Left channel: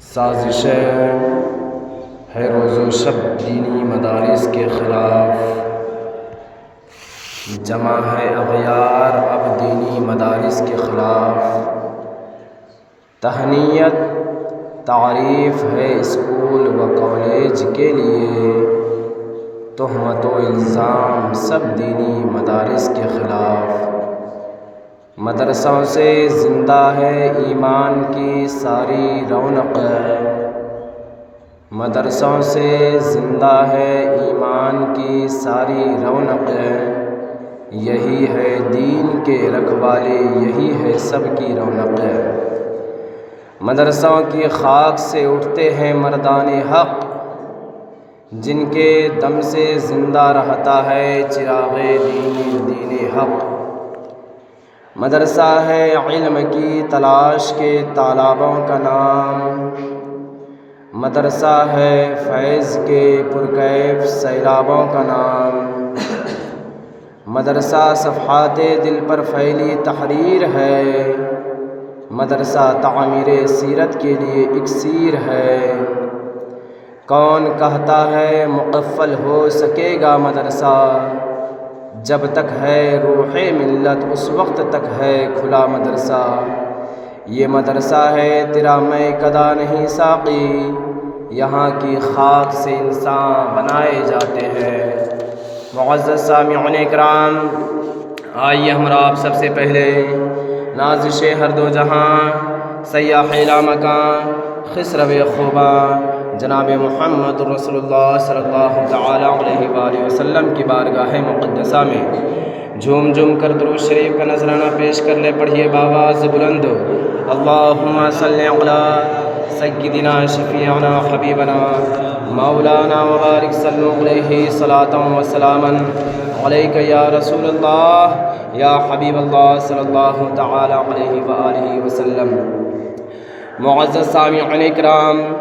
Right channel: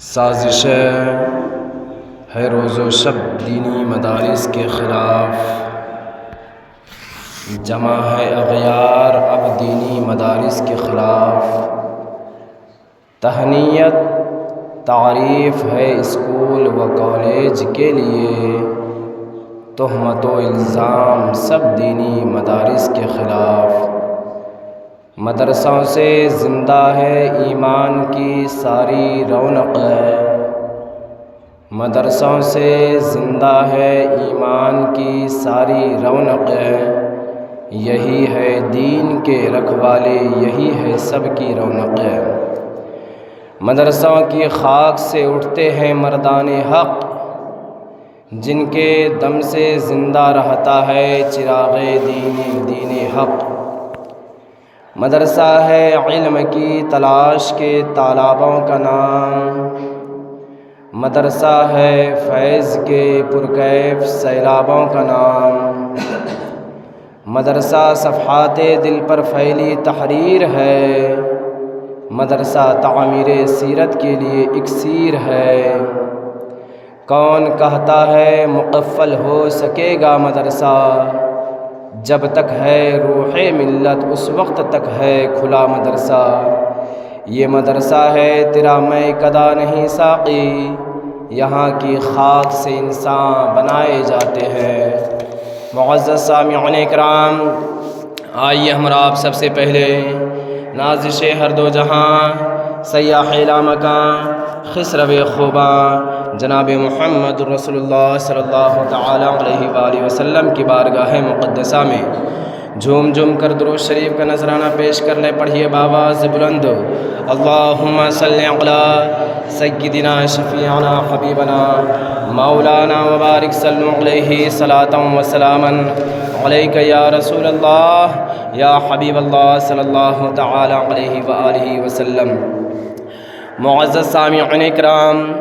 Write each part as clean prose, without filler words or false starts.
سازشیں ہے روز و شب دینی مدارس کے خلاف، جمع ہے اغیار اب دینی مدارس کے خلاف۔ تہنیت تعریف ہے اسکول و کالج کے لیے، تہمت و الزام سب دینی مدارس کے خلاف۔ مدرسوں سے زندہ ہے ایمان کی ساری رونق، مدرسوں سے زندہ ہے ایمان کی ساری رونق۔ یہی ہے دین کے رکھوالے، یہی ہے سب کی رونق۔ مدرسوں کی خاک سے اٹھتے ہیں مردان حق، جن کے دم سے زندہ رہتا ہے چراغ دین حق۔ مدرسہ ہے علم کی تلاش کے طالبوں کا نام، مدرسہ ہے فیض کے پرکیف سیلابوں کا نام۔ مدرسہ صفحات دل پر پھیلی تحریر ہے، مدرسہ تعمیر سیرت کے لیے اکسیر ہے۔ کون کہتا ہے مقفل ہو سکے گا مدرسہ، جب تک ہے روح ملت اس وقت تک ہے کھلا مدرسہ۔ یہ مدرسہ ہے تیرا میں کدا نہیں ساقی، یہاں کی خاک سے انسان بنائے جاتے ہیں۔ معزز سامعین کرام، آئیے ہمارا آپ سب سے پہلے نازش ہر دو جہاں، سیاح لامکاں، خسرو خوباں جناب محمد رسول اللہ صلی اللہ تعالی علیہ وآلہ وسلم کی بارگاہ مقدسہ میں جھوم جھوم کر درود شریف کا نذرانہ پیش کر لے۔ پڑھیے بآواز بلند، اللہم صلی علی سیدنا شفیعنا حبیبنا مولانا مبارک صلی علیہ صلاۃ و سلاما علیک یا رسول اللہ یا حبیب اللہ صلی اللہ تعالی علیہ وآلہ وسلم۔ معزز سامعین کرام،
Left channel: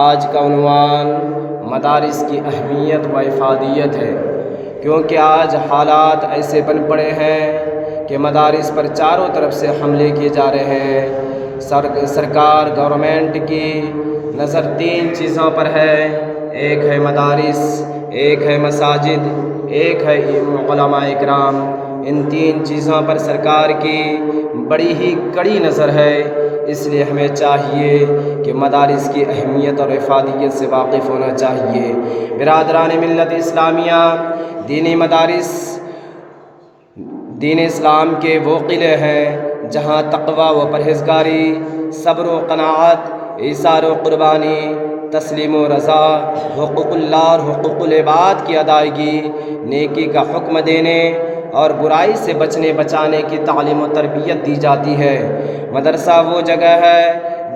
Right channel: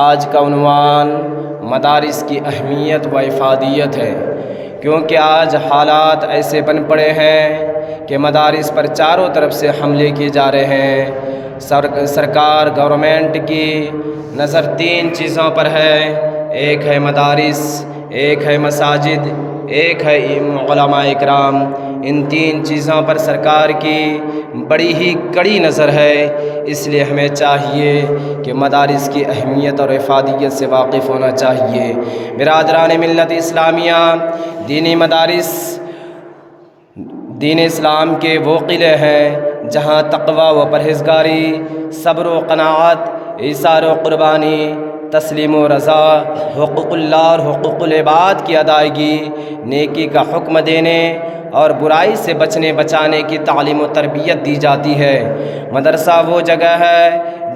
آج کا عنوان مدارس کی اہمیت و افادیت ہے، کیونکہ آج حالات ایسے بن پڑے ہیں کہ مدارس پر چاروں طرف سے حملے کیے جا رہے ہیں۔ سرکار گورنمنٹ کی نظر تین چیزوں پر ہے، ایک ہے مدارس، ایک ہے مساجد، ایک ہے علماء اکرام۔ ان تین چیزوں پر سرکار کی بڑی ہی کڑی نظر ہے، اس لیے ہمیں چاہیے کہ مدارس کی اہمیت اور افادیت سے واقف ہونا چاہیے۔ برادران ملت اسلامیہ، دینی مدارس دین اسلام کے وہ قلعے ہیں جہاں تقوی و پرہیزگاری، صبر و قناعت، ایثار و قربانی، تسلیم و رضا، حقوق اللہ اور حقوق العباد کی ادائیگی، نیکی کا حکم دینے اور برائی سے بچانے کی تعلیم و تربیت دی جاتی ہے۔ مدرسہ وہ جگہ ہے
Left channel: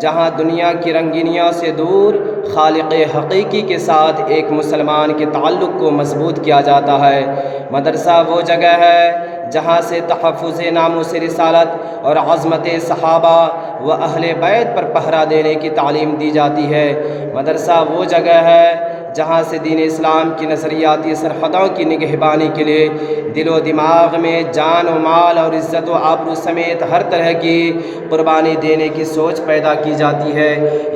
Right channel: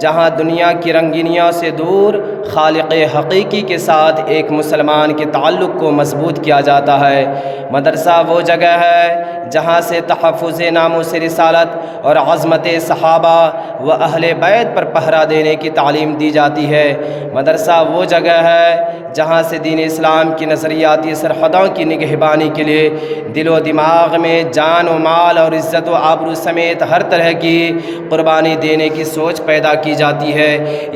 جہاں دنیا کی رنگینیوں سے دور خالق حقیقی کے ساتھ ایک مسلمان کے تعلق کو مضبوط کیا جاتا ہے۔ مدرسہ وہ جگہ ہے جہاں سے تحفظ ناموس رسالت اور عظمت صحابہ و اہل بیت پر پہرا دینے کی تعلیم دی جاتی ہے۔ مدرسہ وہ جگہ ہے جہاں سے دین اسلام کی نظریاتی سرحدوں کی نگہبانی کے لیے دل و دماغ میں جان و مال اور عزت و آبرو سمیت ہر طرح کی قربانی دینے کی سوچ پیدا کی جاتی ہے۔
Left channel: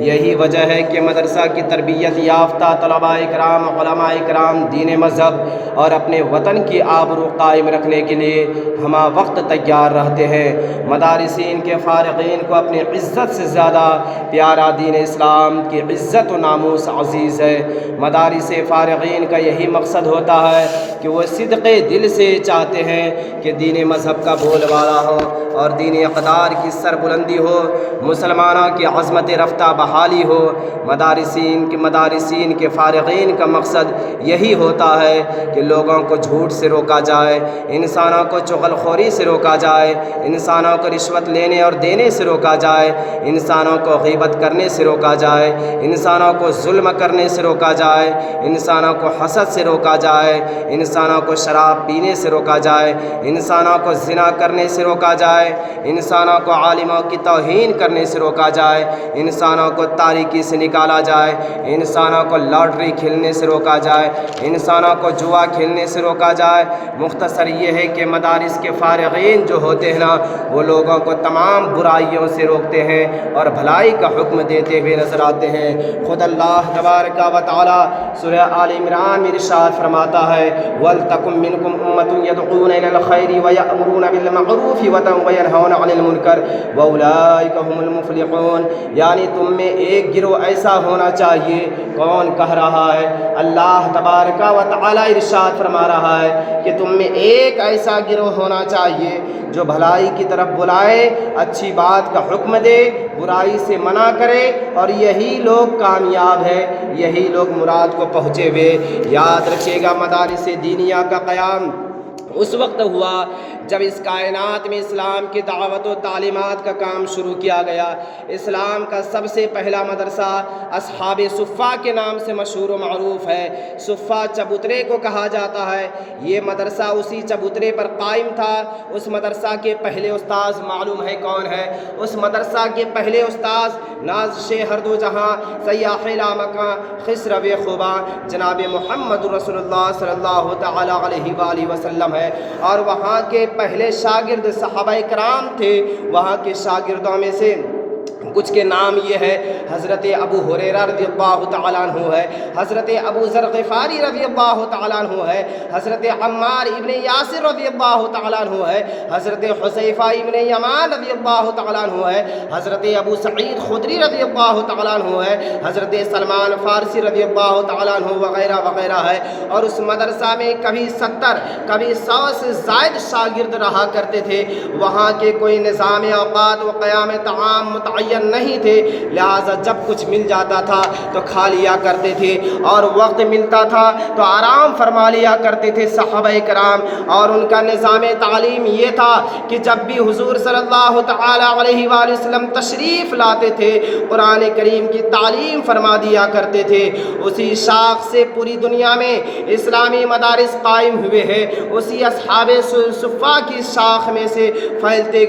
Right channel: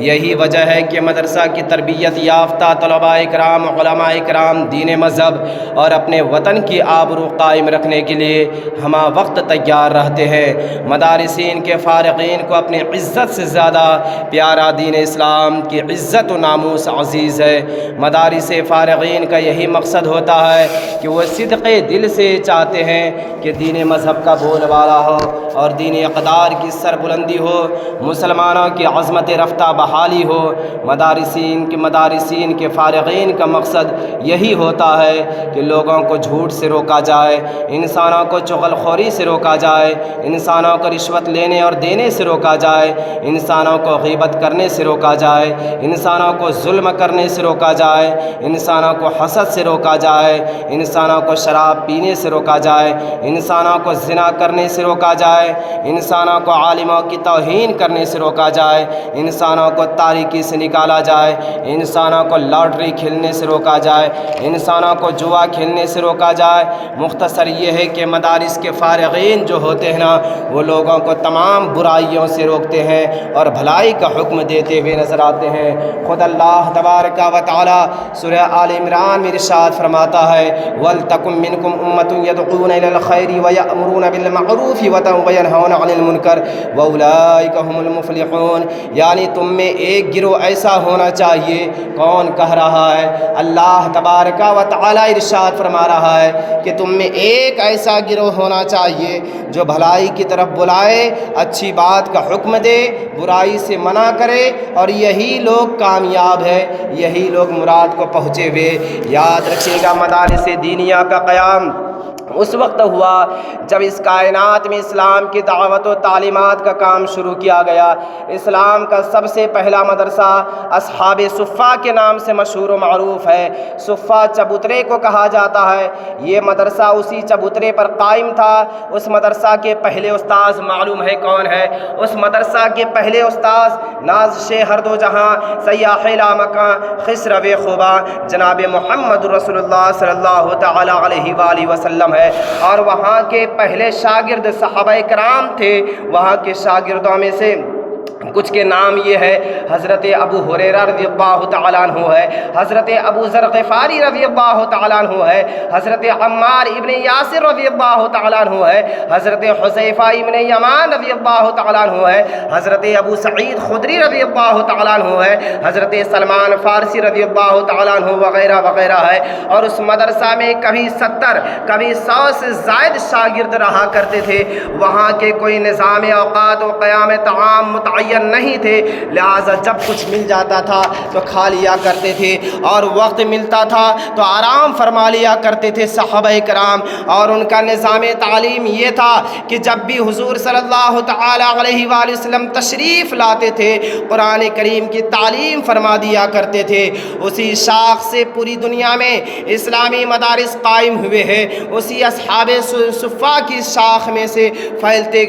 یہی وجہ ہے کہ مدرسہ کی تربیت یافتہ طلباء کرام، علماء کرام دین مذہب اور اپنے وطن کی آبرو قائم رکھنے کے لیے ہمہ وقت تیار رہتے ہیں۔ مدارسین کے فارغین کو اپنی عزت سے زیادہ پیارا دین اسلام کی عزت و ناموس عزیز ہے۔ مدارس فارغین کا یہی مقصد ہوتا ہے کہ وہ صدق دل سے چاہتے ہیں کہ دین مذہب کا بول بالا ہو اور دین اقدار کی سربلندی ہو، مسلمانوں کی عظمت رفتہ بحالی ہو۔ مدارسین کے فارغین کا مقصد یہی ہوتا ہے کہ لوگوں کو جھوٹ سے روکا جائے، انسانوں کو چغل خوری سے روکا جائے، انسانوں کو رشوت لینے اور دینے سے روکا جائے، انسانوں کو غیبت کرنے سے روکا جائے، انسانوں کو ظلم کرنے سے روکا جائے، جائے، انسانوں کو حسد سے روکا جائے، انسانوں کو شراب پینے سے روکا جائے، انسانوں کو زنا کرنے سے روکا جائے، انسانوں کو عالموں کی توہین کرنے سے روکا جائے، انسانوں کو تاریکی سے نکالا جائے، انسانوں کو لاٹری کھیلنے سے روکا جائے، انسانوں کو جوا کھیلنے سے روکا جائے۔ مختصر یہ ہے کہ مدارس کے فارغین جو ہوتے ہیں نا، وہ لوگوں کو تمام برائیوں سے روکتے ہیں اور بھلائی کا حکم دیتے ہوئے نظر آتے ہیں۔ خود اللہ تبارک و تعالی سورہ آل عمران میں ارشاد فرماتا ہے وَلْتَكُن مِّنكُمْ أُمَّةٌ يَدْعُونَ إِلَى الْخَيْرِ وَيَأْمُرُونَ بِالْمَعْرُوفِ وَيَنْهَوْنَ عَنِ الْمُنكَرِ وَأُولَٰئِكَ هُمُ الْمُفْلِحُونَ، یعنی تم میں ایک گروہ ایسا ہونا چاہیے۔ کون کہہ رہا ہے؟ اللہ تبارک و تعالی ارشاد فرما رہا ہے کہ تم میں ایک ایسا گروہ ہونا چاہیے جو بھلائی کی طرف بلائے، اچھی بات کا حکم دے، برائی سے منع کرے، اور یہی لوگ کامیاب ہے، یہی لوگ مراد کو پہنچے ہوئے۔ یاد رکھیے گا مدارس دینیہ کا قیام اس وقت ہوا جب اس کائنات میں اسلام کی دعوت و تعلیمات کا کام شروع کیا گیا۔ اسلام کا سب سے پہلا مدرسہ اصحاب صفہ کے نام سے مشہور و معروف ہے۔ صفہ چبوترے کو کہا جاتا ہے۔ یہ مدرسہ اسی چبوترے پر قائم تھا۔ اس مدرسہ کے پہلے استاذ معلوم ہے کون ہے؟ اس مدرسہ کے پہلے استاذ نازش ہر دو جہاں، سیاح لامکاں، خسرو خوباں، جناب محمد رسول اللہ صلی اللہ تعالی علیہ وآلہ وسلم ہے۔ اور وہاں کے پہلے شاگرد صحابہ کرام تھے۔ وہاں کے شاگردوں میں سے کچھ کے نام یہ ہے: حضرت ابو ہریرہ رضی اللہ تعالیٰ عنہ ہے، حضرت ابو ذر غفاری رضی اللہ تعالیٰ عنہ ہے، حضرت عمار ابن یاسر رضی اللہ تعالیٰ عنہ ہے، حضرت حذیفہ ابن یمان رضی اللہ تعالیٰ عنہ ہے، حضرت ابو سعید خدری رضی اللہ تعالیٰ عنہ ہے، حضرت سلمان فارسی رضی اللہ تعالیٰ عنہ وغیرہ وغیرہ ہے۔ اور اس مدرسہ میں کبھی 70 کبھی 100 سے زائد شاگرد رہا کرتے تھے۔ وہاں کے کوئی نظام اوقات و قیام طعام متعین نہیں تھے، لہٰذا جب کچھ مل جاتا تھا تو کھا لیا کرتے تھے، اور وقت ملتا تھا تو آرام فرما لیا کرتے تھے صحابہ کرام۔ اور ان کا نظام تعلیم یہ تھا کہ جب بھی حضور صلی اللہ تعالی علیہ وآلہ وسلم تشریف لاتے تھے، قرآن کریم کی تعلیم فرما دیا کرتے تھے۔ اسی شاخ سے پوری دنیا میں اسلامی مدارس قائم ہوئے ہیں، اسی اصحاب صفہ کی شاخ میں سے پھیلتے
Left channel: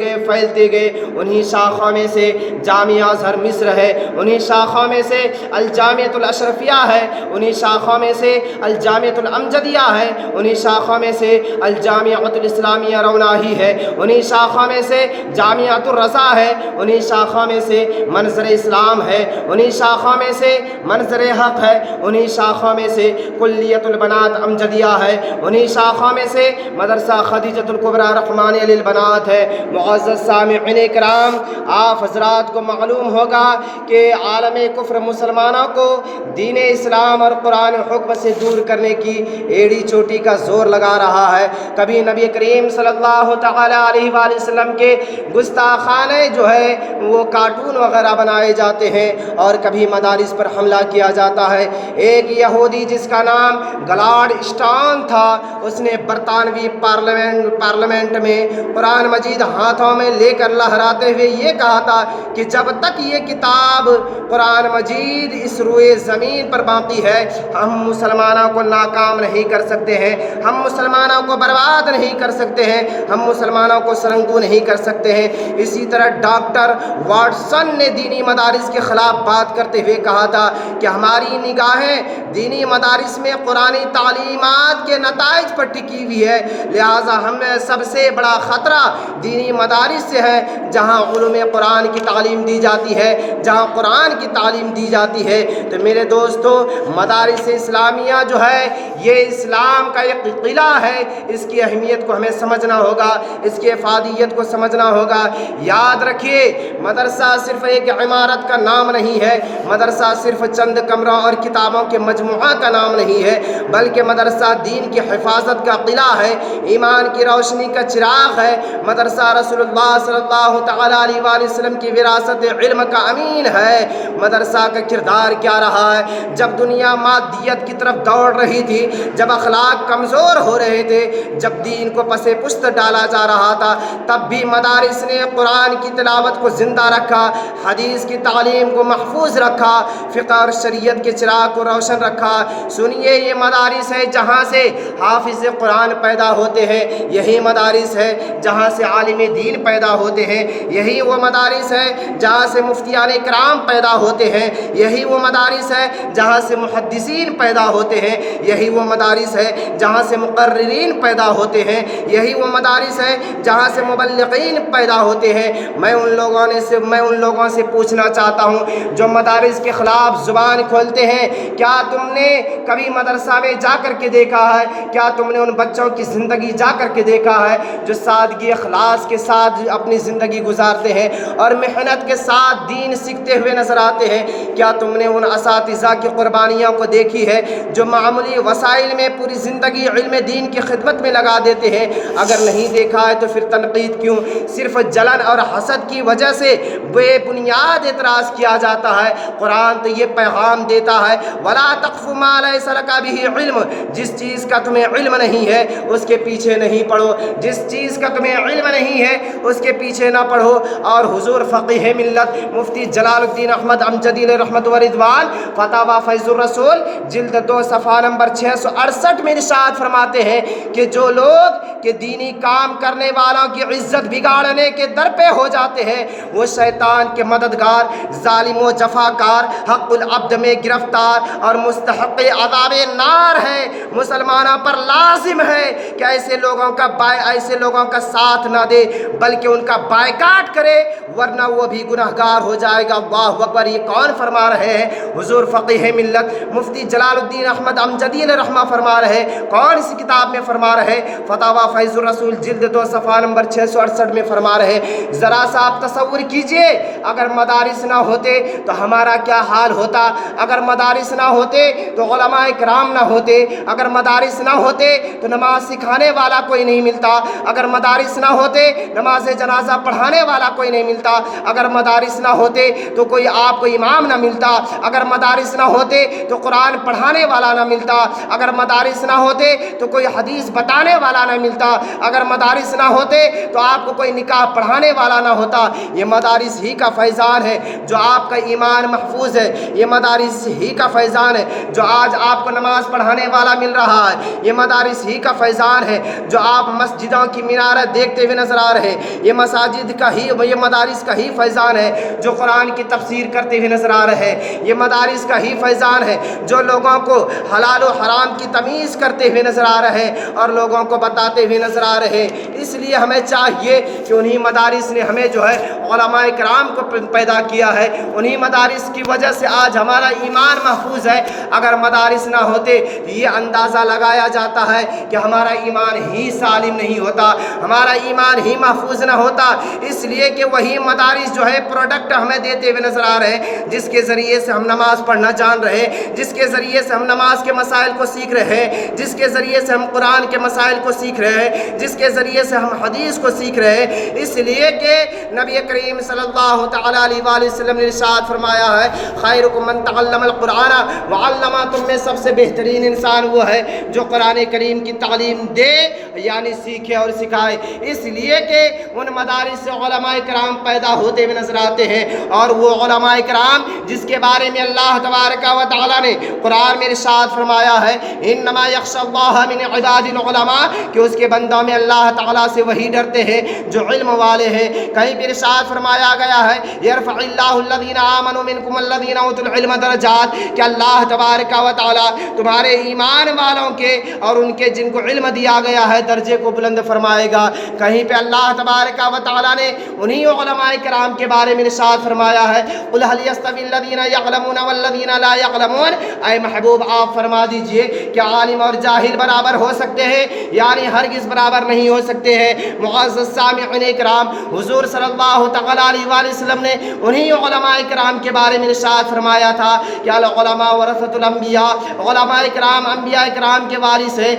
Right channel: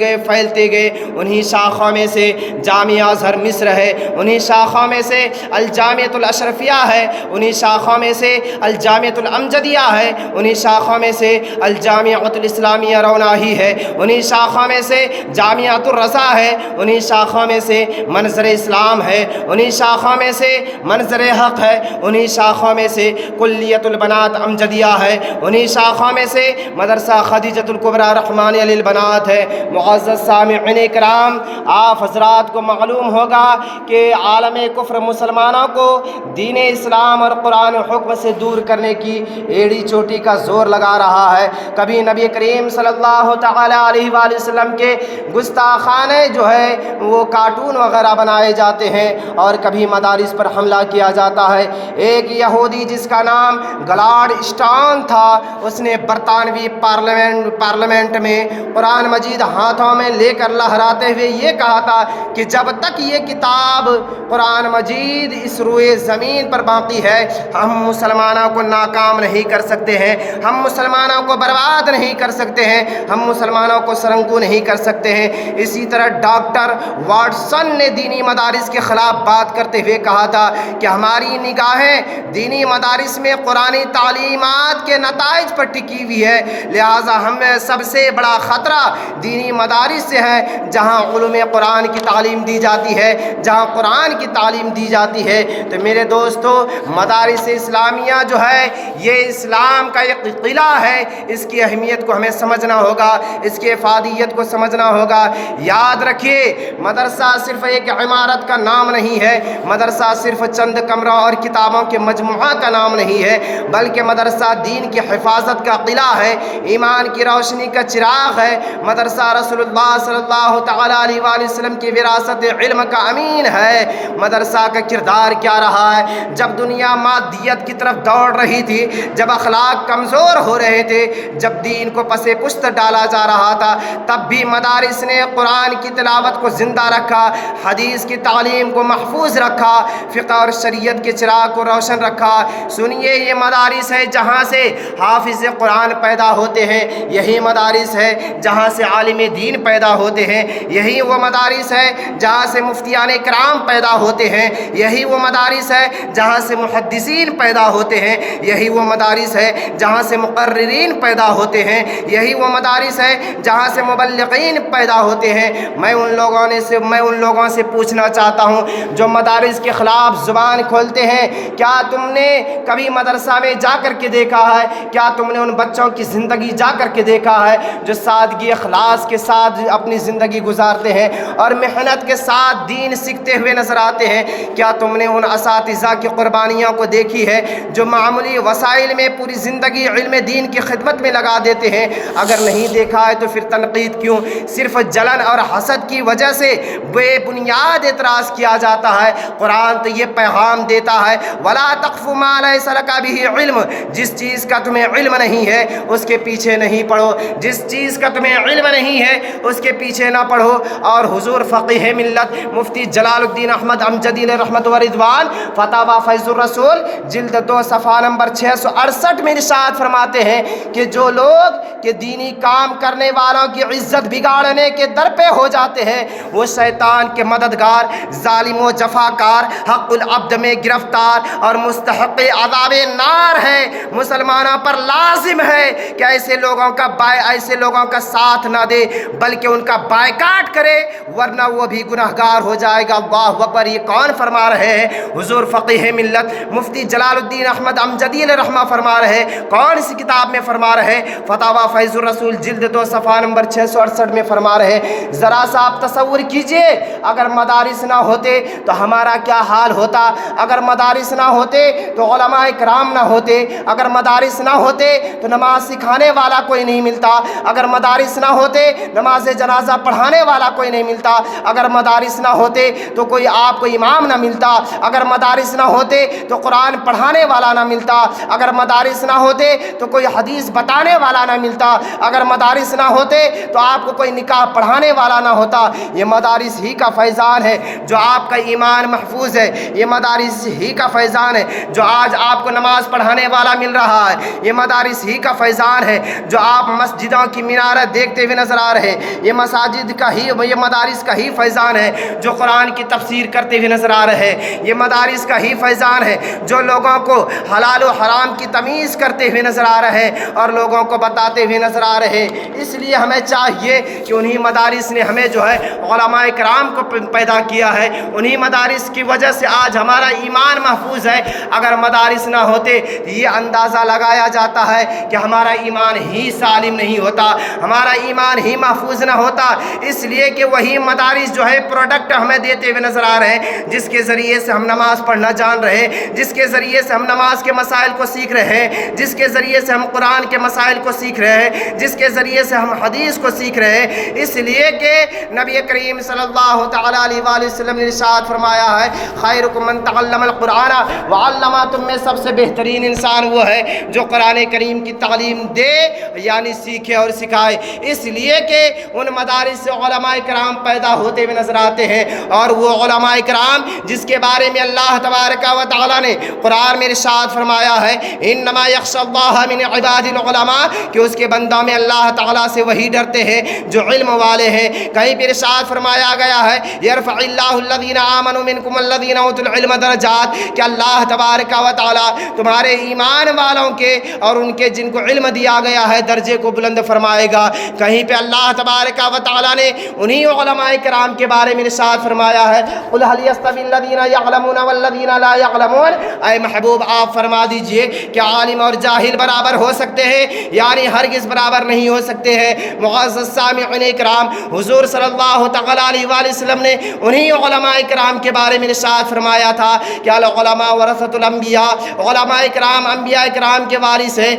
گئے۔ انہی شاخوں میں سے جامعہ ازہر مصر ہے، انہی شاخوں میں سے الجامعۃ الاشرفیہ ہے، انہی شاخوں میں سے الجامعۃ الامجدیہ ہے، انہی شاخوں میں سے الجامعۃ الاسلامیہ روناہی ہے، انہی شاخوں میں سے جامعۃ الرضا ہے، انہی شاخوں میں سے منظر اسلام ہے، انہی شاخوں میں سے منظر حق ہے، انہی شاخوں میں سے کلیۃ البنات امجدیہ ہے، انہی شاخوں میں سے مدرسہ خدیجۃ الکبریٰ رحمانیہ للبنات ہے۔ معزز سامعین کرام، آپ حضرات کو معلوم ہوگا کہ عالم کفر مسلمانوں کو دین اسلام اور قرآن حکم سے دور کرنے کی ایڑی چوٹی کا زور لگا رہا ہے۔ کبھی نبی کریم صلی اللہ تعالی علیہ وآلہ وسلم کے گستاخانے جو ہے وہ کارٹون وغیرہ بنائے جاتے ہیں، اور کبھی مدارس پر حملہ کیا جاتا ہے۔ ایک یہودی جس کا نام گلاڈ اسٹون تھا، اس نے برطانوی پارلیمنٹ میں قرآن مجید ہاتھوں میں لے کر لہراتے ہوئے یہ کہا تھا کہ جب تک یہ کتاب قرآن مجید اس روئے زمین پر باقی ہے، ہم مسلمانوں کو ناکام نہیں کر سکتے ہیں، ہم مسلمانوں کو برباد نہیں کر سکتے ہیں، ہم مسلمانوں کو سرنگو نہیں کر سکتے ہیں۔ اسی طرح ڈاکٹر واٹسن نے دینی مدارس کے خلاف بات کرتے ہوئے کہا تھا کہ ہماری نگاہیں دینی مدارس میں قرآنی تعلیمات کے نتائج پر ٹکی ہوئی ہے، لہٰذا ہمیں سب سے بڑا خطرہ دینی مدارس سے ہے جہاں علوم قرآن کی تعلیم دی جاتی ہے، جہاں قرآن کی تعلیم دی جاتی ہے۔ تو میرے دوستو، مدارس اسلامیہ جو ہے یہ اسلام کا ایک قلعہ ہے، اس کی اہمیت کو ہمیں سمجھنا ہوگا، اس کی افادیت کو سمجھنا ہوگا۔ یاد رکھیے، مدرسہ صرف ایک عمارت کا نام نہیں ہے، مدرسہ صرف چند کمروں اور کتابوں کے مجموعہ کا نام نہیں ہے، بلکہ مدرسہ دین کی حفاظت کا قلعہ ہے، ایمان کی روشنی کا چراغ ہے۔ مدرسہ رسول اللہ صلی اللہ تعالی علیہ وآلہ وسلم کی وراثت ریاست علم کا امین ہے۔ مدرسہ کا کردار کیا رہا ہے؟ جب دنیا مادیت کی طرف دوڑ رہی تھی، جب اخلاق کمزور ہو رہے تھے، جب دین کو پس پشت ڈالا جا رہا تھا، تب بھی مدارس نے قرآن کی تلاوت کو زندہ رکھا، حدیث کی تعلیم کو محفوظ رکھا، فقہ اور شریعت کے چراغ کو روشن رکھا۔ سنیے، یہ مدارس ہے جہاں سے حافظ قرآن پیدا ہوتے ہیں، یہی مدارس ہے جہاں سے عالم دین پیدا ہوتے ہیں، یہی وہ مدارس ہے جہاں سے مفتیان کرام پیدا ہوتے ہیں، یہی وہ مدارس ہے جہاں سے محدثین پیدا ہوتے ہیں، یہی وہ مدارس ہے جہاں سے مقررین پیدا ہوتے ہیں، یہی وہ مدارس ہے جہاں سے مبلغین پیدا ہوتے ہیں۔ میں ان لوگوں سے پوچھنا چاہتا ہوں جو مدارس کے خلاف زبان کھولتے ہیں، کیا تم نے کبھی مدرسہ میں جا کر کے دیکھا ہے؟ کیا تم نے ان بچوں کی زندگی جا کر کے دیکھا ہے جو سادگی اخلاص کے ساتھ اپنی زندگی گزارتے ہیں اور محنت کے ساتھ دین سیکھتے ہوئے نظر آتے ہیں؟ کیا تم نے ان اساتذہ کی قربانیوں کو دیکھی ہے جو معمولی وسائل میں پوری زندگی علم دین کی خدمت میں لگا دیتے ہیں؟ اگر نہیں دیکھا ہے تو پھر تنقید کیوں؟ صرف جلن اور حسد کی وجہ سے بے بنیاد اعتراض کیا جاتا ہے۔ قرآن تو یہ پیغام دیتا ہے، وَلَا تَقْفُ مَا لَيْسَ لَكَ بِهِ عِلْمٌ، جس چیز کا تمہیں علم نہیں ہے اس کے پیچھے نہیں پڑھو، جس چیز کا تمہیں علم نہیں ہے اس کے پیچھے نہ پڑھو۔ اور حضور فقیہ ملت مفتی جلال الدین احمد امجدی علیہ رحمت و رضوان فتاوی فیض الرسول جلد 2 صفحہ نمبر 668 میں ارشاد فرماتے ہیں کہ جو لوگ کہ دینی کام کرنے والوں کی عزت بگاڑنے کے در پہ ہو جاتے ہیں، وہ شیطان کے مددگار، ظالم و جفاکار، حق العبد میں گرفتار اور مستحق عذاب نار ہیں۔ مسلمانوں پر لازم ہے کہ ایسے لوگوں کا ساتھ نہ دے بلکہ ان کا بائیکاٹ کرے، ورنہ وہ بھی گناہگار ہو جائے گا۔ اللہ اکبر! یہ کون فرما رہے ہیں؟ حضور فقیہ ملت مفتی جلال الدین احمد امجدی علیہ رحمہ فرما رہے ہیں۔ کون سی کتاب میں فرما رہے ہیں؟ فتاوی فیض الرسول جلد 2 صفحہ نمبر 668 میں فرما رہے ہیں۔ ذرا سا آپ تصور کیجئے، اگر مدارس نہ ہوتے تو ہمارا کیا حال ہوتا؟ اگر مدارس نہ ہوتے تو علماء کرام نہ ہوتے، اگر مدارس نہ ہوتے تو نماز سکھانے والا کوئی نہیں ملتا، اگر مدارس نہ ہوتے نماز جنازہ پڑھانے والا کوئی نہیں ملتا، اگر مدارس نہ ہوتے تو کوئی آپ کو امام نہ ملتا، اگر مدارس نہ ہوتے تو قرآن پڑھانے والا نہ ملتا، اگر مدارس نہ ہوتے تو کوئی حدیث بتانے والا نہ ملتا، اگر مدارس نہ ہوتے تو آپ کو کوئی نکاح پڑھانے والا نہ ہوتا۔ یہ مدارس ہی کا فیضان ہے جو آپ کا ایمان محفوظ ہے، یہ مدارس ہی کا فیضان ہے جو آج آپ کو نماز پڑھانے والا مل رہا ہے، یہ مدارس ہی کا فیضان ہے جو آپ مسجدوں کی مینارت دیکھتے ہوئے نظر آ رہے ہیں، یہ مدارس کا ہی فیضان ہے جو قرآن کی تفسیر کرتے ہوئے نظر آ رہے ہیں، یہ مدارس کا ہی فیضان ہے جو لوگوں کو حلال و حرام کی تمیز کرتے ہوئے نظر آ رہے ہیں اور لوگوں کو بتاتے ہوئے نظر آ رہے ہیں۔ اس لیے ہمیں چاہیے کہ انہی مدارس نے ہمیں جو ہے علماء کرام کو پیدا کیا ہے، انہی مدارس کی وجہ سے آج ہمارا ایمان محفوظ ہے۔ اگر مدارس نہ ہوتے یہ اندازہ لگایا جاتا ہے کہ ہمارا ایمان ہی سالم نہیں ہوتا، ہمارا ایمان ہی محفوظ نہ ہوتا، اس لیے کہ وہی مدارس جو ہے پروڈکٹ ہمیں دیتے ہوئے نظر آ رہے ہیں جس کے ذریعے سے ہم نماز پڑھنا جان رہے ہیں، جس کے ذریعے سے ہم نماز کے مسائل کو سیکھ رہے ہیں، جس کے ذریعے سے ہم قرآن کے مسائل کو سیکھ رہے ہیں، جس کے ذریعے سے ہم حدیث کو سیکھ رہے ہیں۔ اس لیے کہ نبی کریم صلی اللہ تعالیٰ علیہ وآلہ وسلم نے ارشاد فرمایا ہے، خیرکم من تعلم القرآن وعلمہ، تم میں سب سے بہترین انسان وہ ہے جو قرآن کریم کی تعلیم دے، یعنی سیکھے اور سکھائے۔ اس لیے کہ ان مدارس سے علماء کرام پیدا ہوتے ہوئے نظر آتے ہیں، اور وہ علماء کرام جس کے بارے میں اللہ تبارک و تعالیٰ نے قرآن میں ارشاد فرمایا ہے، انما یخشی اللہ من عباد العلماء، کہ اس کے بندوں میں اللہ تعالیٰ سے وہی ڈرتے ہیں جو علم والے ہیں۔ کہیں بھی ارشاد فرمایا گیا ہے، یرفع اللہ الذین آمنوا منکم الذین اوتوا العلم درجات، کہ اللہ تبارک و تعالیٰ تمہارے ایمان والوں کے اور ان کے جن کو علم دیا گیا ہے درجے کو بلند فرمائے گا۔ کہیں پہ اللہ تبارک و تعالیٰ نے انہی علماء کرام کے بارے میں ارشاد فرمایا ہے، قل هل يستوي الذین یعلمون والذین لا یعلمون، اے محبوب آپ فرما دیجئے کہ عالم اور جاہل برابر ہو سکتے ہیں؟ یعنی ہرگز برابر نہیں ہو سکتے ہیں۔ معزز سامعین کرام، حضور صلی اللہ تعالیٰ علیہ وآلہ وسلم نے انہی علماء کرام کے بارے میں ارشاد فرمایا تھا کہ العلماء ورثۃ الانبیاء، علماء کرام انبیاء کرام کے وارث ہیں۔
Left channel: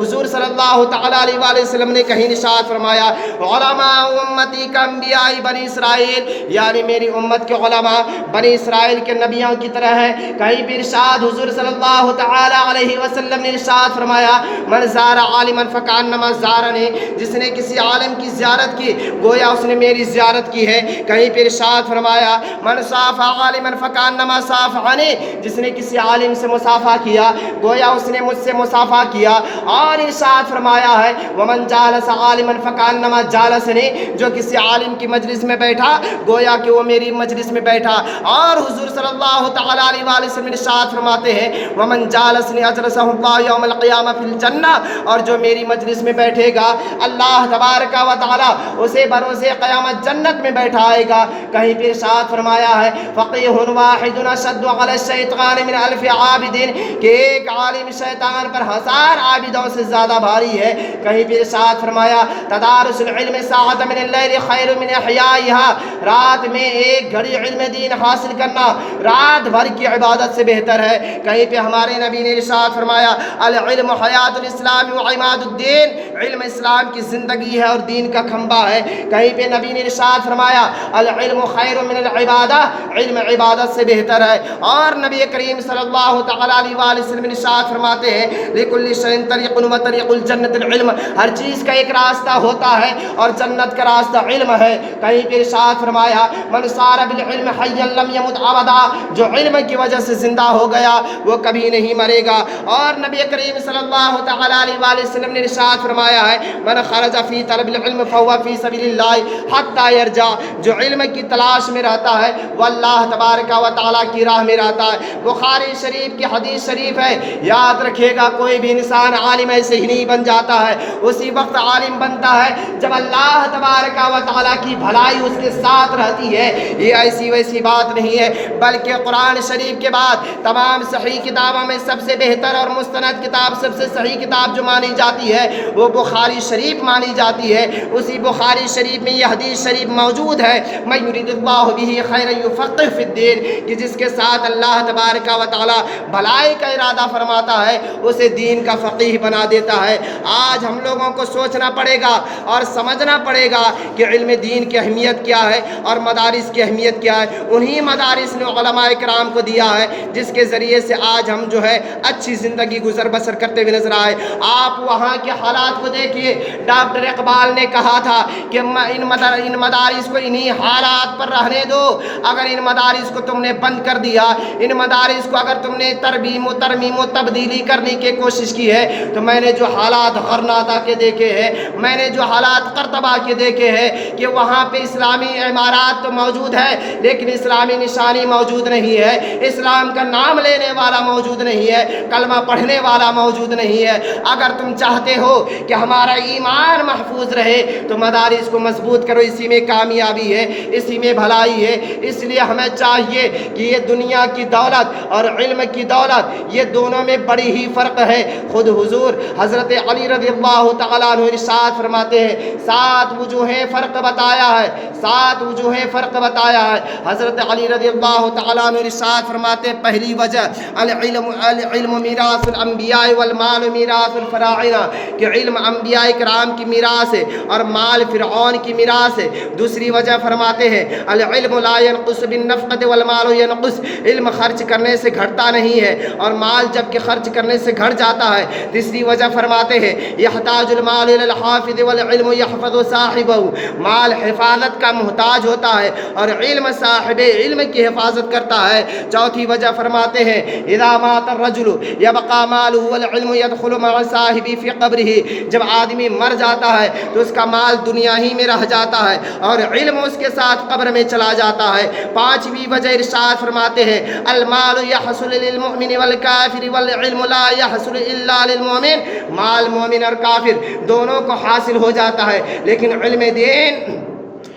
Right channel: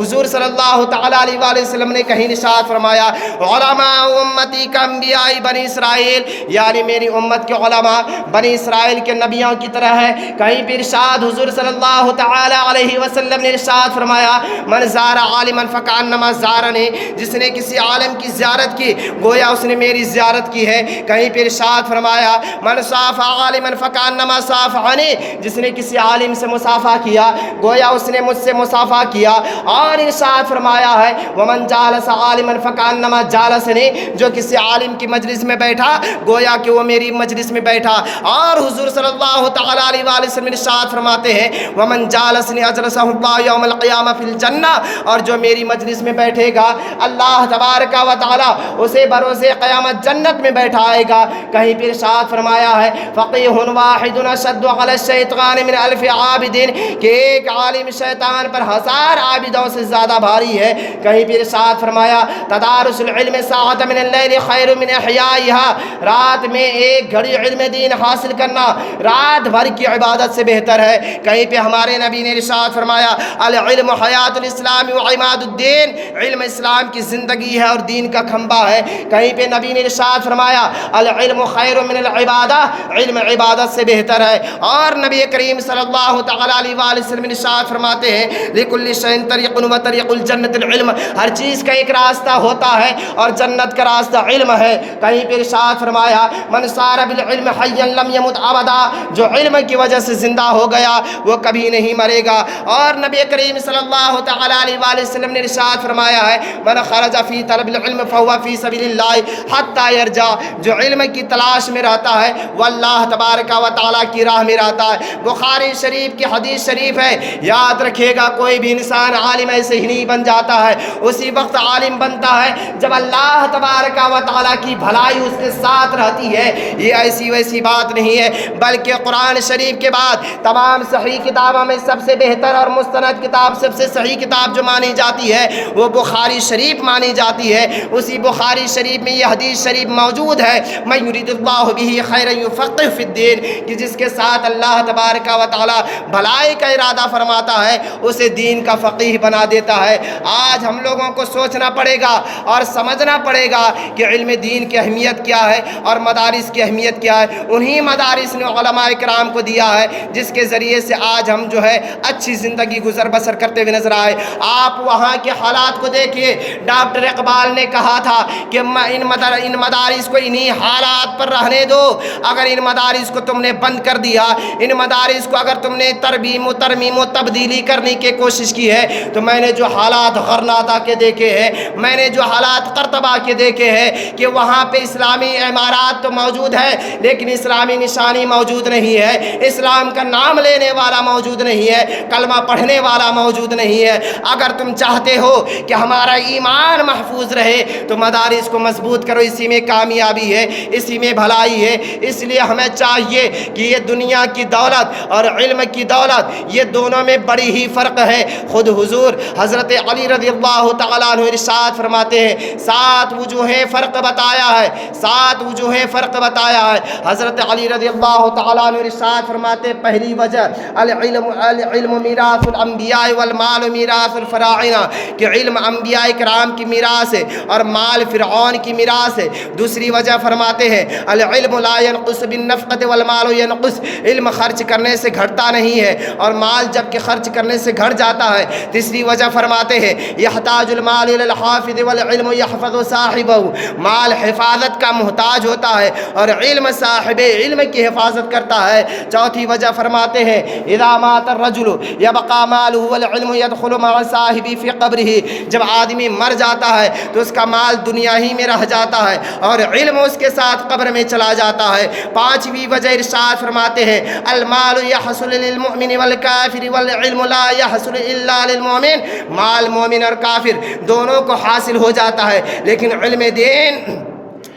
حضور صلی اللہ تعالیٰ علیہ وآلہ وسلم نے کہیں ارشاد فرمایا علماء امتی کا انبیاء بنی اسرائیل، یعنی میری امت کے علماء بنی اسرائیل کے نبیوں کی طرح ہے۔ کہیں بھی ارشاد حضور صلی اللہ تعالیٰ علیہ وسلم نے ارشاد فرمایا من زار عالما فکانما زارنی، جس نے کسی عالم کی زیارت کی گویا اس نے میری زیارت کی ہے۔ کہیں پہ ارشاد فرمایا من صافح عالما فکانما صافحنی، جس نے کسی عالم سے مصافحہ کیا گویا اس نے مجھ سے مصافحہ کیا۔ اور ارشاد فرمایا ہے ومن جالس عالما فکانما جالسنی، جو کسی عالم کی مجلس میں بیٹھا گویا کہ وہ میری مجلس میں بیٹھا۔ اور حضور صلی اللہ تعالیٰ علیہ وآلہ وسلم ارشاد فرماتے ہیں ومن جالسنی اجلسہ اللہ یوم القیامہ فی الجنہ، اور جو میری مجلس میں بیٹھے گا اللہ تبارک و تعالیٰ اسے بروز قیامت جنت میں بیٹھائے گا۔ کہیں پہ ارشاد فرمایا ہے فقیہ واحد اشد علی الشیطان من الف عابد، کہ ایک عالم شیطان پر 1000 عابدوں سے زیادہ بھاری ہے۔ کہیں پہ ارشاد فرمایا تدارس العلم ساعۃ من اللیل خیر من احیائها، رات میں ایک گھڑی علم دین حاصل کرنا رات بھر کی عبادت سے بہتر ہے۔ کہیں پہ ہمارے نبی نے ارشاد فرمایا العلم حیات الاسلام و عماد الدین، علم اسلام کی زندگی ہے اور دین کا کھمبا ہے۔ کہیں پہ نبی نے ارشاد فرمایا العلم خیر من العبادہ، علم عبادت سے بہتر ہے۔ اور نبی کریم صلی اللہ تعالیٰ علیہ وآلہ وسلم ارشاد فرماتے ہیں لکل شیء طریق و طریق الجنت العلم، ہر چیز کا ایک راستہ ہوتا ہے اور جنت کا راستہ علم ہے۔ کہیں پہ ارشاد فرمایا من سار بالعلم حیا لم یمت ابدا، جو علم کی وجہ سے زندہ ہو گیا وہ کبھی نہیں مرے گا۔ اور نبی کریم صلی اللہ تعالیٰ علیہ وآلہ وسلم نے ارشاد فرمایا ہے من خرج فی طلب العلم فهو فی سبیل اللہ حتی یرجع، جو علم کی تلاش میں رہتا ہے وہ اللہ تبارک و تعالیٰ کی راہ میں رہتا ہے۔ بخاری شریف کی حدیث شریف ہے، یاد رکھیے گا کوئی بھی انسان عالم ایسے ہی نہیں بن جاتا ہے، اسی وقت عالم بنتا ہے جب اللہ تبارک و تعالیٰ کی بھلائی اس کے ساتھ رہتی ہے۔ یہ ایسی ویسی بات نہیں ہے، بلکہ قرآن شریف کے بعد تمام صحیح کتابوں میں سب سے بہتر اور مستند کتاب، سب سے صحیح کتاب جو مانی جاتی ہے وہ بخاری شریف مانی جاتی ہے۔ اسی بخاری شریف میں یہ حدیث شریف موجود ہے من یرید اللہ بہ خیرا یفقہ فی الدین، کہ جس کے ساتھ اللہ تبارک و تعالیٰ بھلائی کا ارادہ فرماتا ہے اسے دین کا فقیہ بنا دیتا ہے۔ آج ہم لوگوں کو سوچنا پڑے گا اور سمجھنا پڑے گا کہ علم دین کی اہمیت کیا ہے اور مدارس کی اہمیت کیا ہے۔ انہی مدارس نے علماء کرام کو دیا ہے جس کے ذریعے سے آج ہم جو ہے اچھی زندگی گزر بسر کرتے ہوئے نظر آئے۔ آپ وہاں کے حالات کو دیکھیے، ڈاکٹر اقبال نے کہا تھا کہ ان مدارس کو انہی حالات پر رہنے دو، اگر ان مدارس کو تم نے بند کر دیا، ان مدارس کو اگر تم نے ترمیم و تبدیلی کرنے کی کوشش کی ہے تو میں نے جو حالات غرناطہ کے دیکھے ہیں، میں نے جو حالات قرطبہ کے دیکھے ہیں کہ وہاں پہ اسلامی عمارات تو موجود ہے لیکن اسلامی نشانی موجود نہیں ہے، اسلام کا نام لینے والا موجود نہیں ہے، کلمہ پڑھنے والا موجود نہیں ہے۔ اگر تم چاہتے ہو کہ ہمارا ایمان محفوظ رہے تو مدارس کو مضبوط کرو، اسی میں کامیابی ہے، اسی میں بھلائی ہے۔ اس لیے ہمیں چاہیے کہ یہ دنیا کی دولت اور علم کی دولت یہ دونوں میں بڑی ہی فرق ہے۔ خود حضور حضرت علی رضی اللہ تعالیٰ عنہ ارشاد فرماتے ہیں 7 وجوہ فرق بتایا ہے، 7 وجوہ فرق بتایا ہے۔ حضرت علی رضی اللہ تعالیٰ عنہ ارشاد فرماتے ہیں پہلی وجہ العلم میراث الانبیاء والمال میراث الفراعنہ، کہ علم انبیاء کرام کی میراث ہے اور مال فرعون کی میراث ہے۔ دوسری وجہ فرماتے ہیں العلم لا ينقص بالنفقة والمال ينقص، علم خرچ کرنے سے گھٹتا نہیں ہے اور مال جب کہ خرچ کرنے سے گھٹ جاتا ہے۔ تیسری وجہ فرماتے ہیں يحتاج المال الى الحافظ والعلم يحفظ صاحبه، مال حفاظت کا محتاج ہوتا ہے اور علم صاحب علم کی حفاظت کرتا ہے۔ چوتھی وجہ فرماتے ہیں اذا مات الرجل يبقى ماله والعلم يدخل مع صاحبه في قبره، جب آدمی مر جاتا ہے تو اس کا مال دنیا ہی میں رہ جاتا ہے اور علم اس کے ساتھ قبر میں چلا جاتا ہے۔ پانچویں وجہ ارشاد فرماتے ہیں المال يحصل للمؤمن والکافر والعلم لا يحصل الا للمؤمن، مال مومن اور کافر دونوں کو حاصل ہو جاتا ہے لیکن علم دین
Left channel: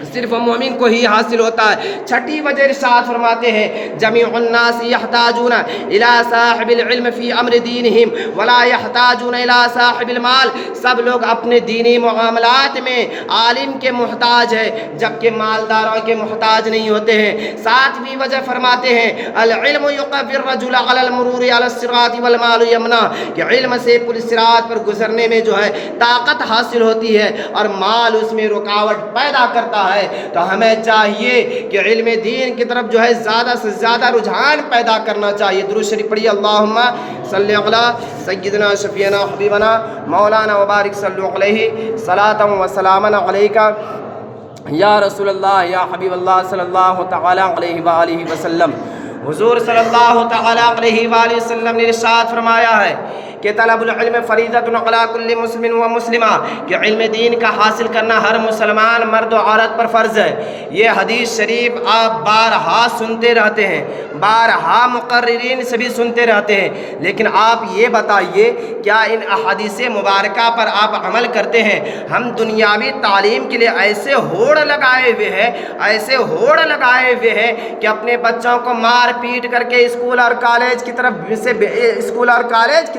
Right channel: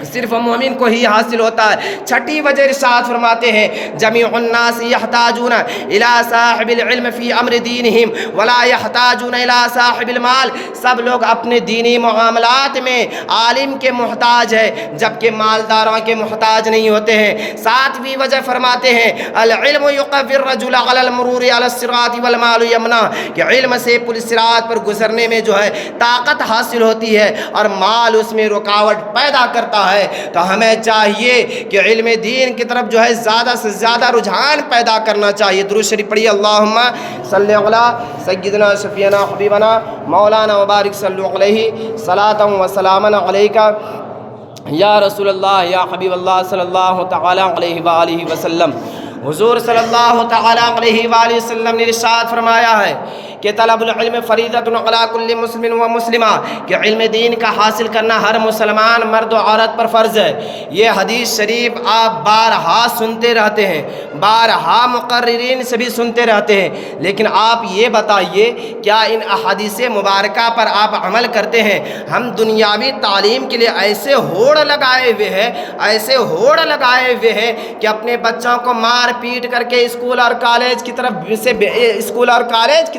صرف مومن کو ہی حاصل ہوتا ہے۔ چھٹی وجہ ارشاد فرماتے ہیں جمیع الناس یحتاجون الی صاحب العلم فی امر دینہم ولا یحتاجون الی صاحب المال، سب لوگ اپنے دینی معاملات میں عالم کے محتاج ہے جبکہ مالداروں کے محتاج نہیں ہوتے ہیں۔ ساتویں وجہ فرماتے ہیں العلم یقوی الرجل علی المرور علی الصراط والمال یمنع، کہ علم سے پل صراط پر گزرنے میں جو ہے طاقت حاصل ہوتی ہے اور مال اس میں رکاوٹ پیدا کرتا ہے۔ تو ہمیں چاہیے کہ علم دین کی طرف جو ہے زیادہ سے زیادہ رجحان پیدا کرنا چاہیے۔ درود شریف پڑھیے، اللہم صلی علی سیدنا شفیعنا حبیبنا مولانا وبارک صلی علیہ صلاۃ و سلاما علیکہ یا رسول اللہ یا حبیب اللہ صلی اللہ تعالی علیہ وآلہ وسلم۔ حضور صلی اللہ تعالی علیہ وآلہ وسلم نے ارشاد فرمایا ہے کہ طلب العلم فریضۃ علی کل مسلم و مسلمہ، کہ علم دین کا حاصل کرنا ہر مسلمان مرد و عورت پر فرض ہے۔ یہ حدیث شریف آپ بارہا سنتے رہتے ہیں، بارہا مقررین سے بھی سنتے رہتے ہیں، لیکن آپ یہ بتائیے کیا ان احادیث مبارکہ پر آپ عمل کرتے ہیں؟ ہم دنیاوی تعلیم کے لیے ایسے ہوڑ لگائے ہوئے ہیں، ایسے ہوڑ لگائے ہوئے ہیں کہ اپنے بچوں کو مار پیٹ کر کے اسکول اور کالج کی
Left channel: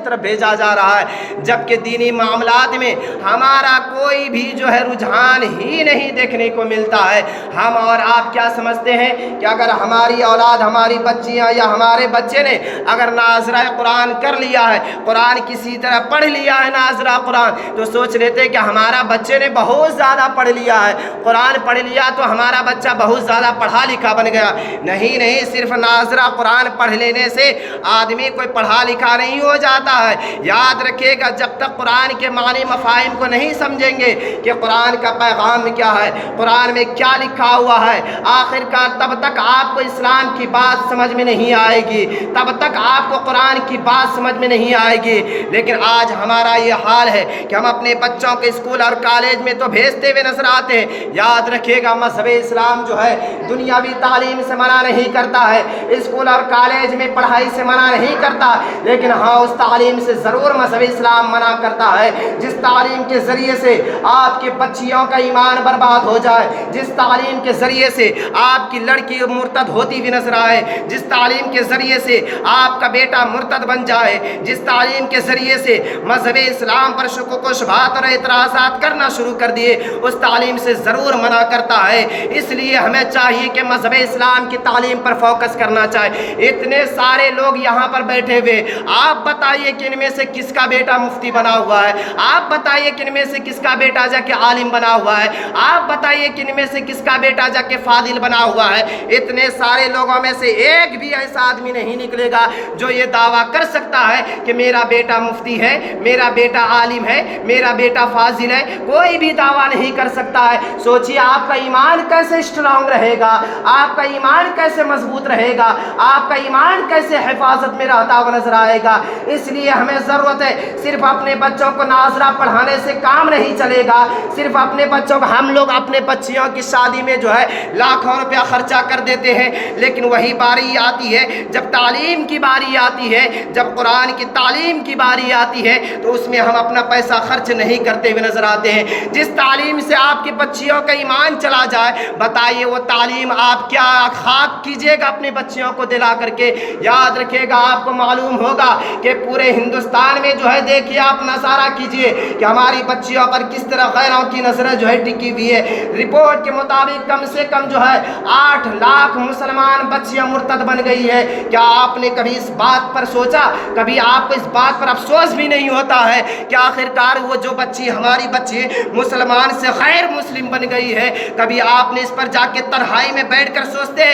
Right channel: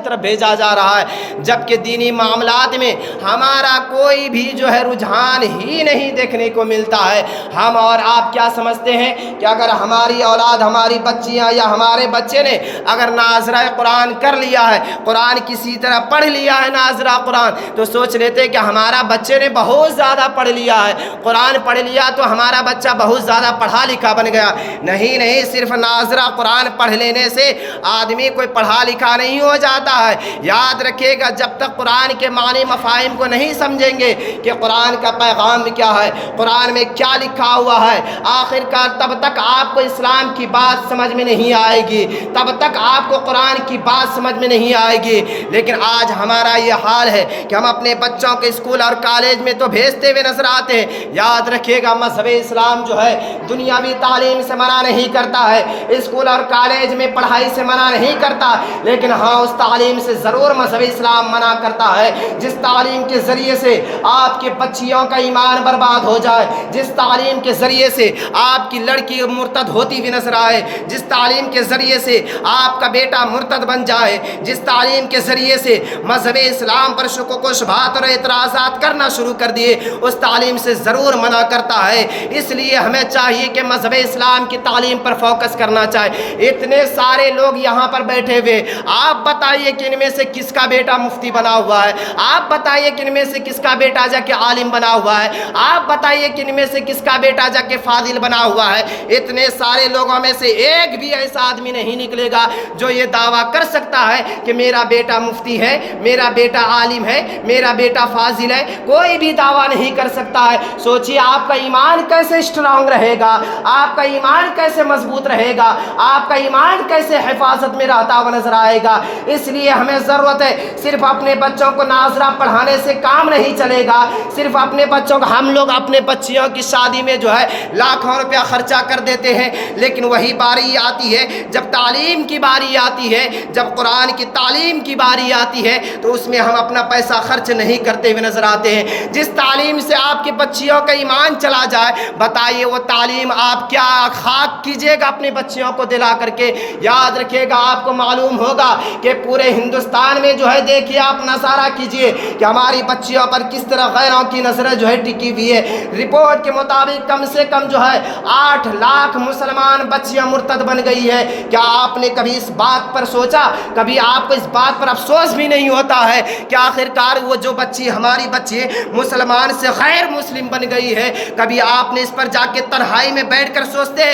طرف بھیجا جا رہا ہے، جبکہ دینی معاملات میں ہمارا کوئی بھی جو ہے رجحان ہی نہیں دیکھنے کو ملتا ہے۔ ہم اور آپ کیا سمجھتے ہیں کہ اگر ہماری اولاد، ہماری بچیاں یا ہمارے بچے نے اگر ناظرہ قرآن کر لیا ہے، قرآن کسی طرح پڑھ لیا ہے ناظرہ قرآن، تو سوچ لیتے کہ ہمارا بچے نے بہت زیادہ پڑھ لیا ہے، قرآن پڑھ لیا تو ہمارا بچہ بہت زیادہ پڑھا لکھا بن گیا۔ نہیں، صرف ناظرہ قرآن پڑھ لینے سے آدمی کوئی پڑھا لکھا نہیں ہو جاتا ہے۔ یاد رکھیے گا، جب تک قرآن کے معنی مفاہیم کو نہیں سمجھیں گے کہ قرآن کا پیغام کیا ہے، قرآن میں کیا لکھا ہوا ہے، آخر کار تب تک آپ کو اسلام کی بات سمجھ میں نہیں آئے گی، تب تک آپ کو قرآن کی بات سمجھ میں نہیں آئے گی۔ لیکن آج ہمارا یہ حال ہے کہ ہم اپنے بچوں کے اسکول اور کالج میں تو بھیجتے ہوئے نظر آتے ہیں۔ یاد رکھیے گا، مذہب اسلام جو ہے دنیاوی تعلیم سے منع نہیں کرتا ہے، اسکول اور کالج میں پڑھائی سے منع نہیں کرتا، لیکن ہاں اس تعلیم سے ضرور مذہب اسلام منع کرتا ہے جس تعلیم کے ذریعے سے آپ کے بچیوں کا ایمان برباد ہو جائے، جس تعلیم کے ذریعے سے آپ کی لڑکی مرتد ہوتی ہوئی نظر آئے، جس تعلیم کے ذریعے سے آپ کا بیٹا مرتد بن جائے، جس تعلیم کے ذریعے سے مذہب اسلام پر شکوک و شبہات اور اعتراضات کرنا شروع کر دیے، اس تعلیم سے ضرور منع کرتا ہے۔ اس لیے ہمیں چاہیے کہ مذہب اسلام کی تعلیم پر فوکس کرنا چاہیے۔ اتنے سارے لوگ یہاں پر بیٹھے ہوئے، آپ بتائیے کہ ان میں سے کس کا بیٹا مفتی بنا ہوا ہے؟ آپ بتائیے کہ ان میں سے کس کا بیٹا جا کے عالم بنا ہوا ہے؟ آپ بتائیے کہ ان میں سے کس کا بیٹا جا کے فاضل بنا ہوا ہے؟ اتنے سارے لوگوں میں سے ایک بھی ایسا آدمی نہیں نکلے گا جو یہ دعویٰ کر سکتا ہے کہ میرا بیٹا مفتی ہے، میرا بیٹا عالم ہے، میرا بیٹا فاضل ہے۔ کوئی بھی دعویٰ نہیں کر سکتا ہے۔ سوچیے آپ کا ایمان کیسے اسٹرانگ رہے گا، آپ کا ایمان کیسے مضبوط رہے گا، آپ کا ایمان کیسے حفاظت میں رہتا ہوا نظر آئے گا۔ اس لیے ہمیں ضرورت ہے، صرف اپنے بچوں کو ناظرہ پڑھانے سے کام نہیں چلے گا، صرف اپنے بچوں کو، ہم لوگ اپنے بچیوں کی شادی میں جو ہے لاکھوں روپیہ خرچہ کر دیتے ہیں، لیکن وہی باری آتی ہے جب تعلیم کی باری آتی ہے، جب قرآن کی تعلیم کی باری آتی ہے تو اس میں ہم اپنا پیسہ خرچ نہیں کرتے ہوئے نظر آتے ہیں۔ جس تعلیم سے آپ کی بچیوں کا ایمان چلا جائے، بتائیے وہ تعلیم آپ کیا خاک کیجیے گا اپنے بچیوں کو دلا کر کے؟ یاد رکھیے گا، آپ کو معلوم ہوگا کہ پورے ہندوستان میں جو ہے، دیکھیے آپ نظارہ کیجیے کہ ہماری بچیوں پر کس طرح غیروں کی نظریں جو ہے ٹکی ہوئی ہے۔ رپورٹ کے مطابق کم سے کم جو ہے 8 لاکھ مسلمان بچیاں مرتد بن گئی ہے۔ کیا آپ نے کبھی اس بات پر سوچا؟ کبھی آپ کو اس بات پر افسوس بھی نہیں ہوتا ہے کہ آخر کار وہ جو بچی، ہماری بچی مسلمان سے غیر مسلم بن گئی ہے؟ کبھی آپ نے اس پر جا کے تنہائی میں بیٹھ کر سوچتے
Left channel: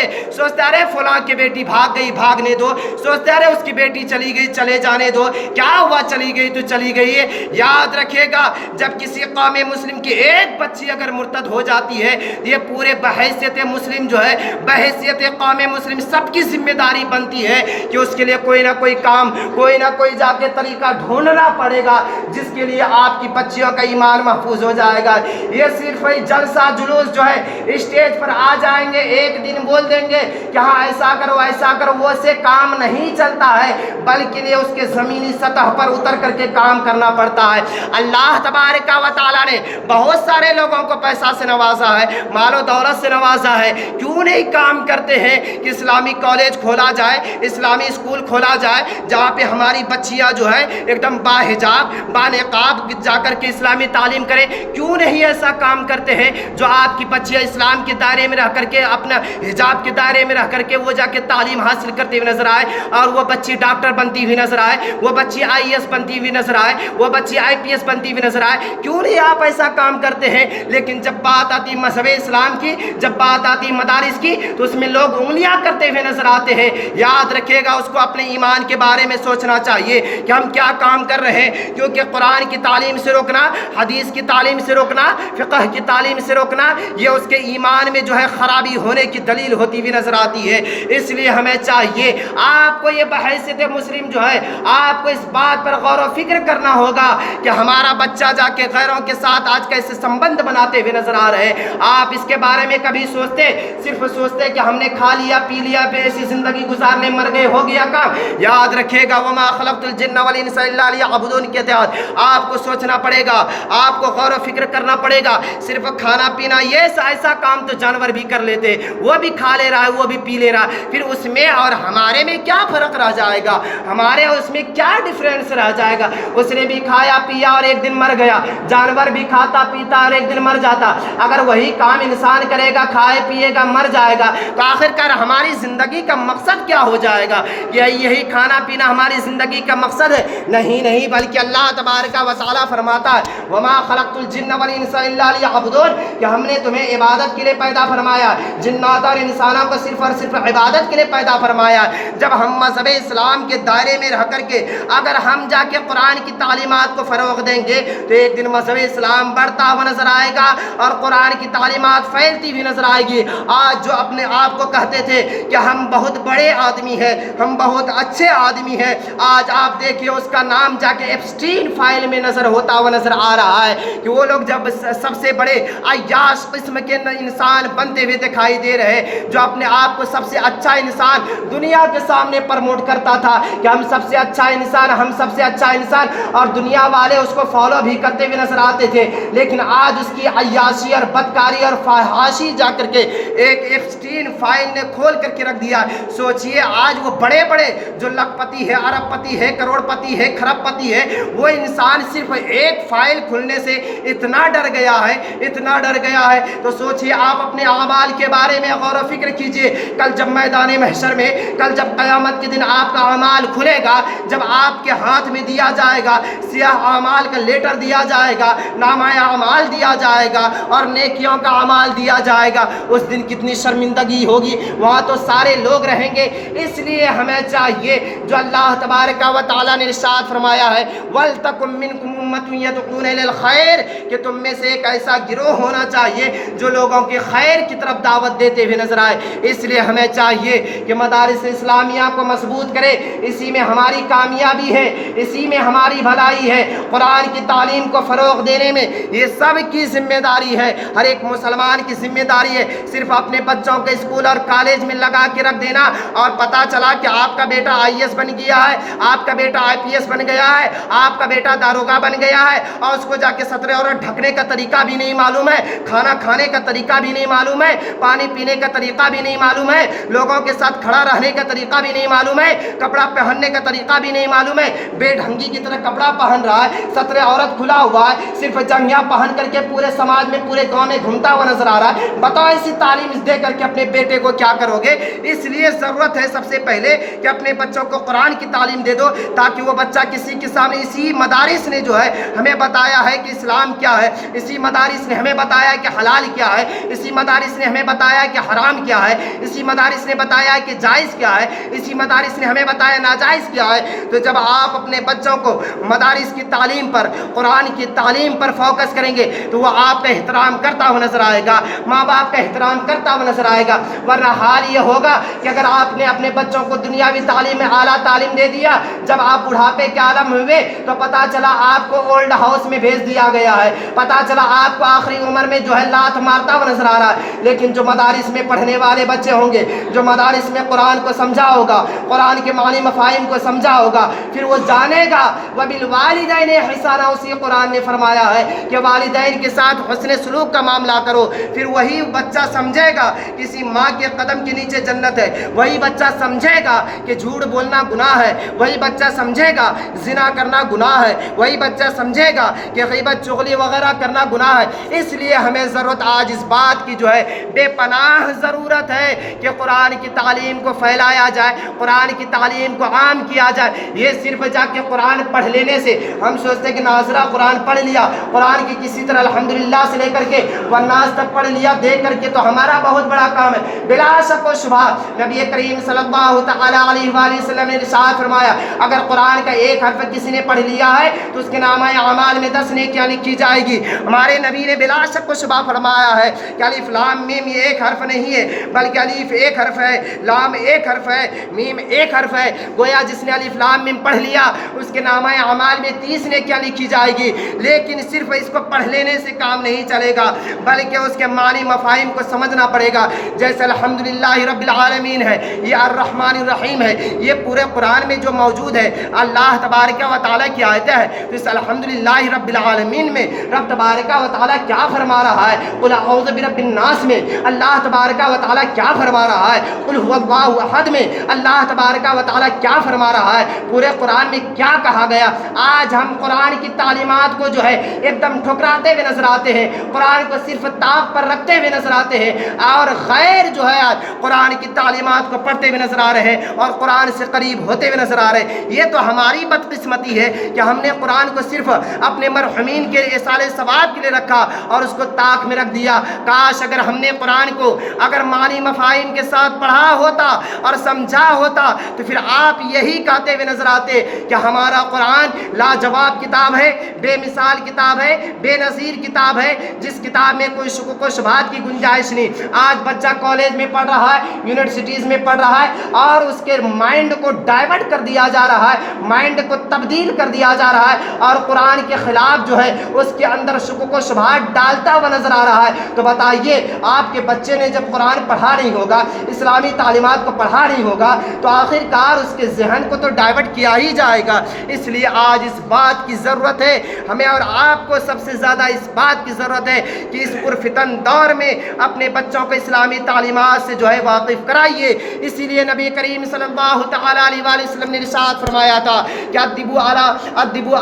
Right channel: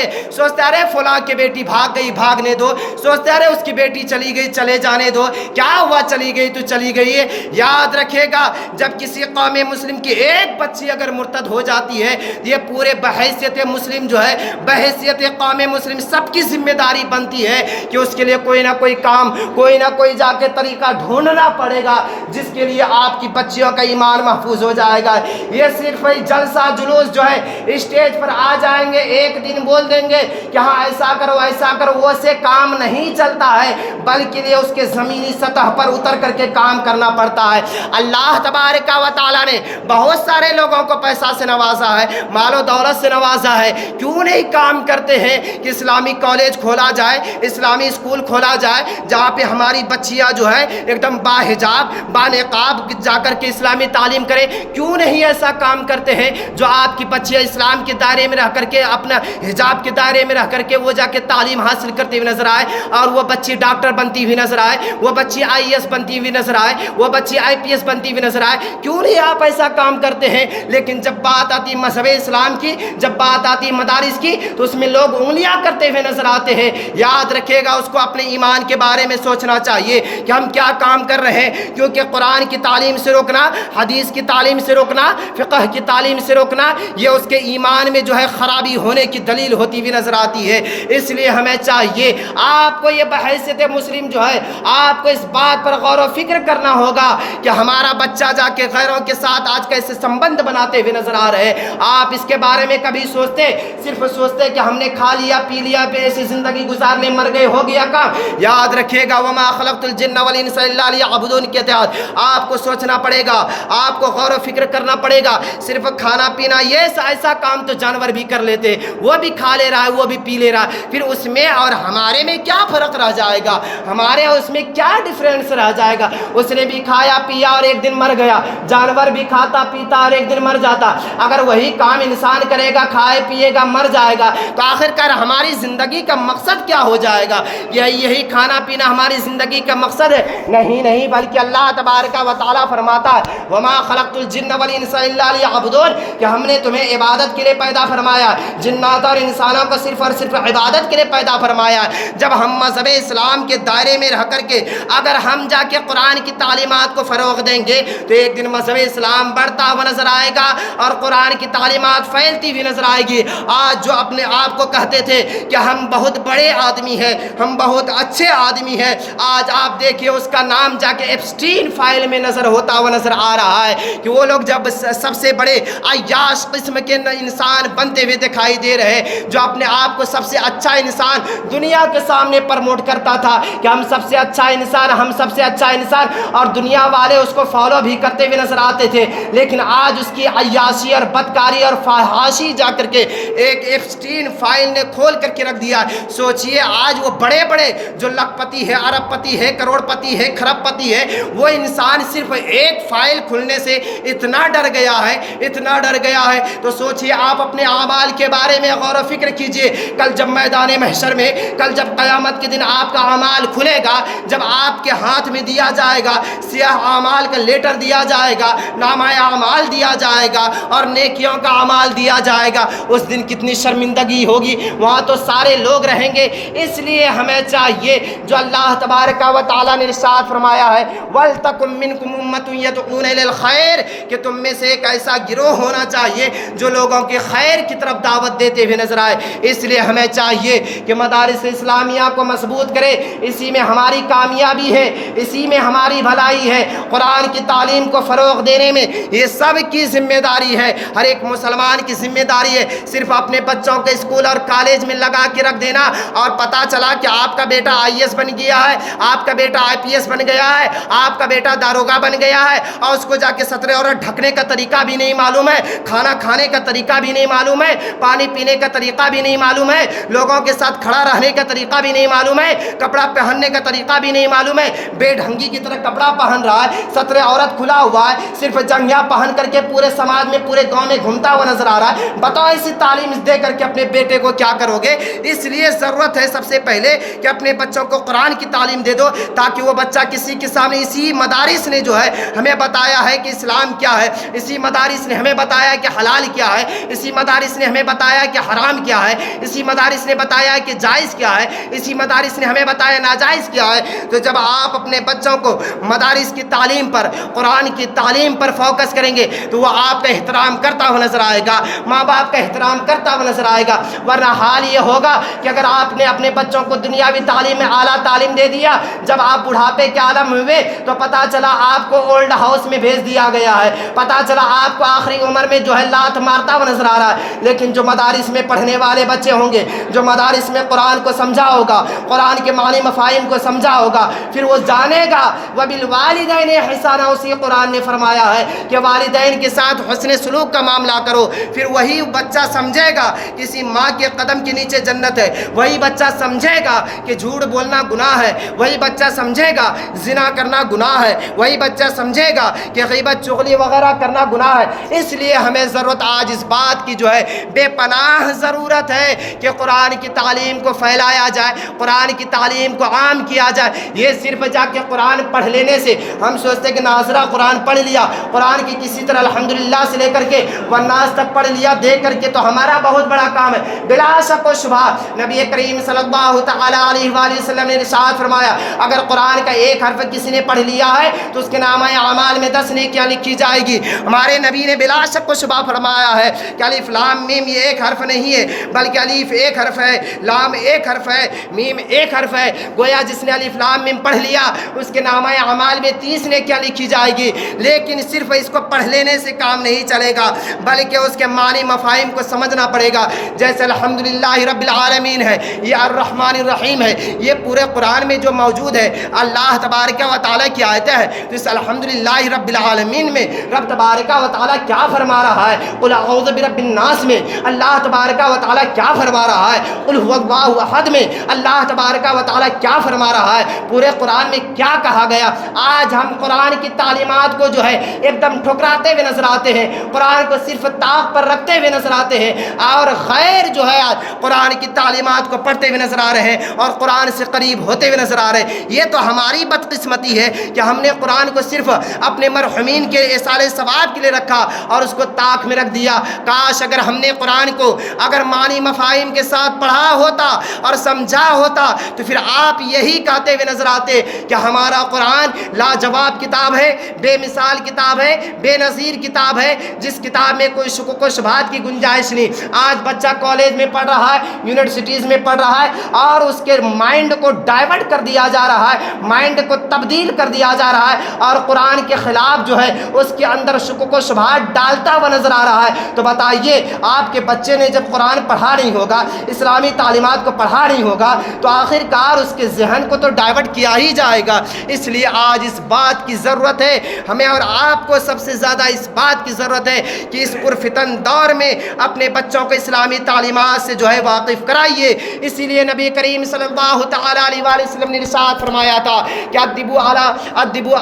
ارے فلاں کی بیٹی بھاگ گئی، بھاگنے دو، سوچتے ارے اس کی بیٹی چلی گئی، چلے جانے دو، کیا ہوا، چلی گئی تو چلی گئی ہے۔ یاد رکھے گا، جب کسی قوم مسلم کی ایک بچی اگر مرتد ہو جاتی ہے، یہ پورے بحیثیت مسلم جو ہے، بحیثیت قوم مسلم سب کی ذمہ داری بنتی ہے کہ اس کے لیے کوئی نہ کوئی کام، کوئی نہ کوئی جا کے طریقہ ڈھونڈنا پڑے گا جس کے لیے آپ کی بچیوں کا ایمان محفوظ ہو جائے گا۔ یہ صرف جلسہ جلوس جو ہے اسٹیج پر آ جائیں گے، ایک دن بول دیں گے کہ ہاں ایسا کرو ایسا کرو، وہ سے کام نہیں چلتا ہے، بلکہ یہ اس کے زمینی سطح پر اتر کر کے کام کرنا پڑتا ہے۔ اللہ تبارک و تعالیٰ نے بہت سارے لوگوں کو پیسہ سے نوازا ہے، مال و دولت سے نوازا ہے، کیوں نہیں کام کرتے ہیں کہ اسلامی کالج کھولا جائے، اسلامی اسکول کھولا جائے، جہاں پہ ہماری بچیاں جو ہے ایک دم باحجاب بانقاب جا کر کے اسلامی تعلیم کرے؟ کیوں نہیں ایسا کام کرتے ہیں؟ جو آپ کی بچیاں اسلام کے دائرے میں رہ کر کے، اپنا حجاب کے دائرے میں رہ کر کے وہ جا کے تعلیم حاصل کرتے ہوئے نظر آئے، اور وہ بچی ڈاکٹر بنتی ہوئی نظر آئے، وہ بچی IAS بنتی ہوئی نظر آئے، وہ بچی IPS بنتی ہوئی نظر آئے؟ کیوں نہیں آپ ایسا کام کرتے ہیں؟ لیکن جب بات آتی مذہب اسلام کی، جب بات آتی مدارس کی، تو اس میں لوگ انگلیاں کرتے ہوئے نظر آتے ہیں۔ یاد رکھے گا، اس کو اپنے ایمان کے بارے میں سوچنا چاہیے کہ ہم کیا کام کر رہے ہیں، کیونکہ قرآن کی تعلیم سے روکنا، حدیث کی تعلیم سے روکنا، فقہ کی تعلیم سے روکنا، یہ اس کے ایمان میں جو ہے خرابی ہونے کی دلیل ہوتی ہوئی نظر آتی ہے۔ اس لیے ہمیں چاہیے، آپ کو یہ بحیثیت مسلم جو ہے، آپ کو اس بات پر غور و فکر کرنا ہوگا کہ ہمارا بچہ جا کے غیروں کے ساتھ آج کیسے سمبند بناتے ہوئے نظر آ رہے ہیں۔ آپ اس کے بارے میں کبھی سوچتے؟ صرف سوچتے کہ ہم نے کھا لیا پی لیا پہ ایسی زندگی گزارنے مر گئے، ہو گیا کام؟ یاد رکھے گا، وما خلقت الجن والانس الا لیعبدون کے تحت آپ کو سوچنا پڑے گا، آپ کو غور و فکر کرنا پڑے گا۔ صرف کھانا پینا یہ ایسا کام تو جانور بھی کر لیتے، وہ بھی کھا لے رہا ہے، وہ بھی پی لے رہا ہے، پھر اس میں اور ہمارے میں کیا فرق رہ جائے گا؟ ہمارے اس میں کیا ڈیفرنس رہ جائے گا؟ اس نے بھی کھایا پیا اور ایک دن مر گیا، جانور بھی کھاتا پیتا اور ایک دن مر جاتا۔ اگر وہی کام انسان کرے گا، کھائے پیے گا، مر جائے گا، تو آخر کار ہماری زندگی کا مقصد کیا ہو جائے گا؟ یہی کھانا پینا ہماری زندگی کا مقصد ہے؟ نہیں، بلکہ اللہ تبارک و تعالیٰ فرماتا ہے وما خلقت الجن والانس الا لیعبدون، کہ ہم نے تمہیں عبادت کے لیے پیدا فرمایا، جنات اور انسانوں کو صرف اور صرف عبادت کے لیے پیدا فرمایا۔ جب ہم مذہب اسلام کے دائرے میں رہ کر کے اگر ہم جا کے قرآن کی تعلیمات کو فروغ دیں گے تو ایک دن مذہب اسلام بڑھتا ہوا نظر آئے گا اور قرآن کی تعلیمات پھیلتی ہوئی نظر آئے گی۔ آج جو اپنے آپ کو کہتے تھے کہ ہم بہت بڑے آدمی ہیں، ہم بہت اچھے آدمی ہیں، آج آپ دیکھیے اس کا نام جا کے ایپسٹین فائل میں نظر ہوتا ہوا نظر آ رہا ہے کہ وہ لوگ جب سب سے بڑے عیاش قسم کے انسان بنتے ہوئے دکھائی دے رہے، جو اپنے آپ کو سب سے اچھا انسان دنیا کے سامنے پرموٹ کرتا تھا کہ ہم سب سے اچھا انسان، ہم سب سے اچھا انسان، اور دنیا والے اس کو فالو بھی کرتے ہوئے نظر آتے تھے، لیکن آج اس کی عیاشی اور بدکاری اور فحاشی جا کر کے ایک ایپسٹین فائل نے کھول کر کے رکھ دیا۔ سوچئے آج وہ بڑے بڑے جو لکھ پتی ہے، ارب پتی ہے، کروڑ پتی ہے، کھرب پتی ہے، وہ انسان صرف ایک فائل کھلنے سے اتنا ڈر گیا ہے، اتنا ڈر گیا ہے۔ تو سوچئے آپ اپنے اعمال کے بارے میں غور و فکر کیجئے، کل جب میدان محشر میں، کل جب قیامت کے دن آپ کا اعمال کھلے گا، جب آپ کے ہاتھ میں دیا جائے گا سیاہ اعمال کا لیٹر دیا جائے گا، نامہ اعمال دیا جائے گا اور نیکیوں کا اعمال دیا جائے گا، اس دن کتنی شرمندگی ہوگی، وہاں تو سارے لوگ رہیں گے۔ اس لیے ہمیں چاہیے جو اللہ تبارک و تعالیٰ نے ارشاد فرمایا ہے وَلْتَكُن مِّنكُمْ أُمَّةٌ يَدْعُونَ إِلَى الْخَيْرِ، کہ تم میں سے ایک ایسا گروہ ہونا چاہیے جو لوگوں کے خیر کی طرف دعوت دیتے ہوئے نظر آئے۔ اس لیے ہمیں چاہیے کہ مدارس اسلامیہ کو مضبوط کرے، اسی میں ہماری کامیابی ہے، اسی میں ہماری بھلائی ہے۔ قرآن کی تعلیم کو فروغ دینے میں یہ سب کی ذمہ داری ہے، ہر ایک مسلمان کی ذمہ داری ہے۔ صرف اپنے بچوں کو اسکول اور کالج میں لگا کے رکھ دینا اور پتہ چلا کہ آپ کا بیٹا IAS بن گیا ہے، آپ کا بیٹا IPS بن گیا ہے، آپ کا بیٹا داروغہ بن گیا ہے، اور اس کو جا کے سترے اور ڈھکنے کا طریقہ بھی نہیں معلوم ہے، کھانا کھانے کا طریقہ بھی نہیں معلوم ہے، پانی پینے کا طریقہ بھی نہیں معلوم ہے، لوگوں کے ساتھ کھڑا رہنے کا طریقہ بھی نہیں معلوم ہے، کپڑا پہننے کا طریقہ بھی نہیں معلوم ہے، بے ڈھنگی کی طرح کپڑا پہن رہا ہے، سترے عورت کھلا ہوا ہے، صرف جنگیاں پہن کر کے پورے سماج میں، پورے گاؤں میں گھومتا ہوا نظر آ رہا ہے۔ بتاؤ ایسی تعلیم دے کر کے اپنے بیٹے کو کیا کرو گے؟ اس لیے ضرورت ہے سب سے پہلے کہ اپنے بچوں کو قرآن کی تعلیم دے دو، تاکہ وہ بچہ کسی کے سامنے، اسی مدارس نے جو ہے ہمیں بتایا ہے کہ اسلام کیا ہے، اسی مدارس نے ہمیں بتایا کہ حلال کیا ہے، اسی مدارس نے ہمیں بتایا کہ حرام کیا ہے، اسی مدارس نے بتایا کہ جائز کیا ہے، اسی مدارس نے ہمیں بتایا ناجائز کیا ہے۔ تو جب آپ اپنے بچوں کو مدارس کی تعلیم پر، قرآن کی تعلیم پر فوکس کریں گے تو وہ آپ کا احترام کرتا ہوا نظر آئے گا، ماں باپ کا احترام کرتا ہوا نظر آئے گا۔ ورنہ حال یہ ہوگا کہ اگر آپ نے اپنے بچوں کو دنیاوی تعلیم میں اعلیٰ تعلیم دے دیا، جب آپ بڑھاپے کے عالم ہوئے تو پتہ چلا آپ کو اولڈ ہاؤس میں بھیج دیا گیا ہے، پتہ چلا آپ کو آخری عمر میں جو ہے لات مارتا ہوا نظر آ رہا ہے۔ لیکن جو مدارس میں پڑھنے والے بچے ہوں گے، جو مدارس میں قرآن کو سمجھا ہوگا، قرآن کے معنی مفاہیم کو سمجھا ہوگا، پھر وہ جانے گا وَبِالْوَالِدَيْنِ احسانا، اسی قرآن نے فرمایا ہے کہ والدین کے ساتھ حسن سلوک کا معاملہ کرو، پھر وہی بچہ سمجھے گا کسی ماں کے قدم کے نیچے جنت ہے، وہی بچہ سمجھے گا کہ جھوٹ بولنا گناہ ہے، وہی بچہ سمجھے گا زنا کرنا گناہ ہے، وہی بچہ سمجھے گا کہ غیبت چغلی وغیرہ کرنا گناہ ہے۔ اس لیے ہمیں ضرورت آج اس بات کی جو ہے بے پناہ ضرورت ہے کہ قرآن کی تعلیم کو پھیلایا جائے، قرآن کی تعلیم کو عام کیا جائے۔ یہ صرف جا کے قرآن پڑھ لینے سے ہم سوچتے کہ ناظرہ قرآن پڑھ لیا، قرآن کی کسی طرح الحمدللہ سے لے کر کے والناس تک پڑھ لیا دیکھ کر کے تو ہمارا بہت بڑا کام ہے۔ بلا شک و شبہ نبی کریم صلی اللہ تعالی علیہ وآلہ وسلم نے ارشاد فرمایا اگر قرآن کا ایک حرف کسی نے پڑھ لیا ہے تو اس کے نامہ اعمال میں 10 نیکیاں لکھی جائے گی۔ ہمارے نبی نے بلا شک و شبہ فرمایا ہے کہ الف لام میم یہ ایک حرف نہیں ہے بلکہ الف ایک حرف ہے، لام ایک حرف ہے، میم ایک حرف ہے۔ گویا جس نے الف لام میم پڑھ لیا اس کے نامہ اعمال میں 30 نیکیاں لکھی جائے گی۔ لیکن صرف اس کو پڑھ لینے سے کام نہیں چلے گا بلکہ اس کے معنی مفاہیم کو سمجھنا پڑے گا۔ جیسے الحمدللہ رب العالمین ہے، یہ الرحمن الرحیم ہے، یہ پورے قرآن میں جو موجود ہے اللہ تبارک و تعالیٰ کی آیتیں ہیں، تو اس الحمدللہ رب العالمین میں رب تبارک و تعالیٰ کیا فرما رہا ہے؟ قل اعوذ برب الناس میں اللہ تبارک و تعالیٰ کیا فرما رہا ہے؟ قل هو اللہ احد میں اللہ تبارک و تعالیٰ کیا فرما رہا ہے؟ پورے قرآن میں کیا کہا گیا؟ آج ہم قرآن کی تعلیمات کو جو ہے ایک دم ٹھکراتے ہوئے نظر آتے ہیں، قرآن کو صرف طاق پر رکھتے ہوئے نظر آتے ہیں، اور غیر جو ہے آج قرآن کی تعلیمات کو پڑھتے ہوئے نظر آ رہے ہیں اور قرآن سے قریب ہوتے ہوئے نظر آ رہے ہیں۔ یہ تو ہماری بدقسمتی ہے کہ ہم نے قرآن کو صرف اپنے مرحومین کے ایصال ثواب کے لیے رکھا اور اس کو طاق میں رکھ دیا۔ کاش اگر ہم نے قرآن کو اگر معنی مفاہیم کے ساتھ پڑھا ہوتا اور سمجھا ہوتا تو پھر آپ یہی کہتے ہوئے نظر آتے کہ ہمارا قرآن لاجواب کتاب ہے، بے مثال کتاب ہے، بے نظیر کتاب ہے، جس کتاب میں کوئی شکوک و شبہات کی گنجائش نہیں۔ آج بچہ کالج میں پڑھ رہا ہے، یونیورسٹیز میں پڑھ رہا ہے اور اس کے مائنڈ کو ڈائیورٹ کر دیا جا رہا ہے، مائنڈ کو تبدیل کر دیا جا رہا ہے اور قرآن کے خلاف جو ہے اس کے اندر شکوک و شبہات ڈالتا ہوا نظر آ رہا ہے۔ تو بتائیے آپ کے بچے نے جب قرآن پڑھا نہیں ہوگا، اسلامی تعلیمات کو پڑھا نہیں ہوگا تو آخر کار اس کے ذہن کو تو ڈائیورٹ کیا ہی جائے گا۔ اس لیے آج اس بات کی ضرورت ہے ہمیں اور آپ کو، سب سے زیادہ اس بات کی ضرورت ہے کہ اس پرفتن دور میں اپنے بچوں کو اسلامی تعلیمات سے جو ہے واقف کرائیے۔ اسی لیے نبی کریم صلی اللہ تعالی علیہ وآلہ وسلم نے ارشاد فرمایا تھا کہ ادبوا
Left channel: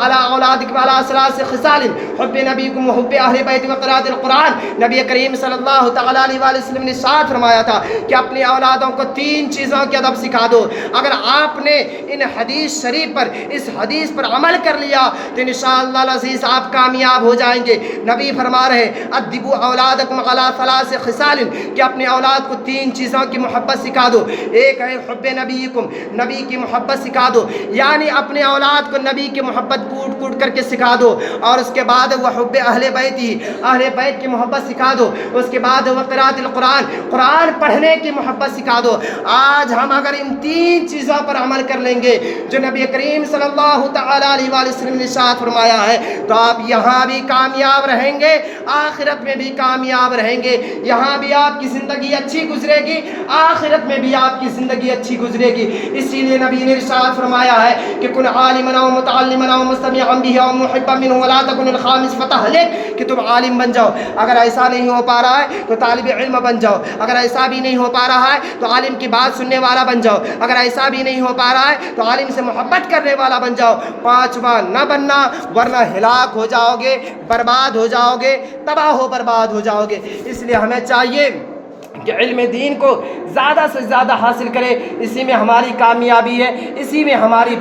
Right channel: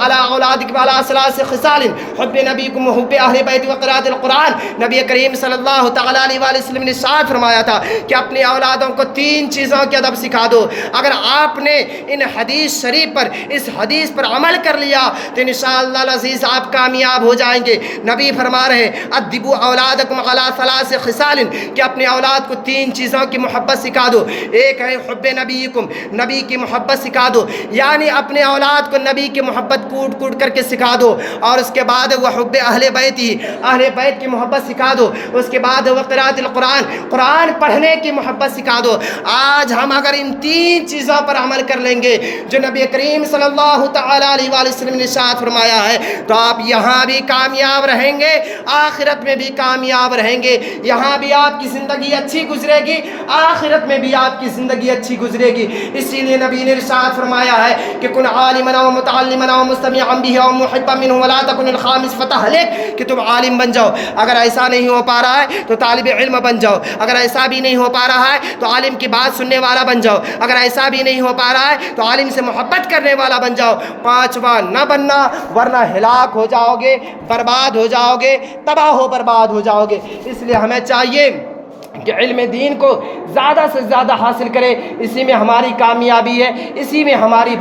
علی اولادکم علی ثلاث خصال حب نبیکم وحب اہل بیت وقراءۃ القرآن۔ نبی کریم صلی اللہ تعالی علیہ وآلہ وسلم نے ارشاد فرمایا تھا کہ اپنی اولادوں کو 3 چیزوں کے ادب سکھا دو۔ اگر آپ نے ان حدیث شریف پر، اس حدیث پر عمل کر لیا تو انشاءاللہ العزیز آپ کامیاب ہو جائیں گے۔ نبی فرما رہے ہیں ادبوا اولادکم علی ثلاث خصال، کہ اپنے اولاد کو 3 چیزوں کی محبت سکھا دو۔ ایک ہے حب نبیکم، نبی کی محبت سکھا دو، یعنی اپنے اولاد کو نبی کی محبت کوٹ کوٹ کر کے سکھا دو، اور اس کے بعد وہ حب اہل بیت ہی، اہل بیت کی محبت سکھا دو، اس کے بعد وہ قراءۃ القرآن، قرآن پڑھنے کی محبت سکھا دو۔ آج ہم اگر ان 3 چیزوں پر عمل کر لیں گے جو نبی کریم صلی اللہ تعالی علیہ وآلہ وسلم نے ارشاد فرمایا ہے تو آپ یہاں بھی کامیاب رہیں گے، آخرت میں بھی کامیاب رہیں گے۔ یہاں بھی آپ کی زندگی اچھی گزرے گی، آخرت میں بھی آپ کی زندگی اچھی گزرے گی۔ اسی لیے نبی نے ارشاد فرمایا ہے کہ کن عالما و متعلما و مستمعا به و محبا منه ولا تكن الخامس فتهلك، کہ تم عالم بن جاؤ، اگر ایسا نہیں ہو پا رہا ہے تو طالب علم بن جاؤ، اگر ایسا بھی نہیں ہو پا رہا ہے تو عالم کی بات سننے والا بن جاؤ، اگر ایسا بھی نہیں ہو پا رہا ہے تو عالم سے محبت کرنے والا بن جاؤ۔ 5واں نہ بننا ورنہ ہلاک ہو جاؤ گے، برباد ہو جاؤ گے، تباہ و برباد ہو جاؤ گے۔ اس لیے ہمیں چاہیے کہ علم دین کو زیادہ سے زیادہ حاصل کرے، اسی میں ہماری کامیابی ہے، اسی میں ہماری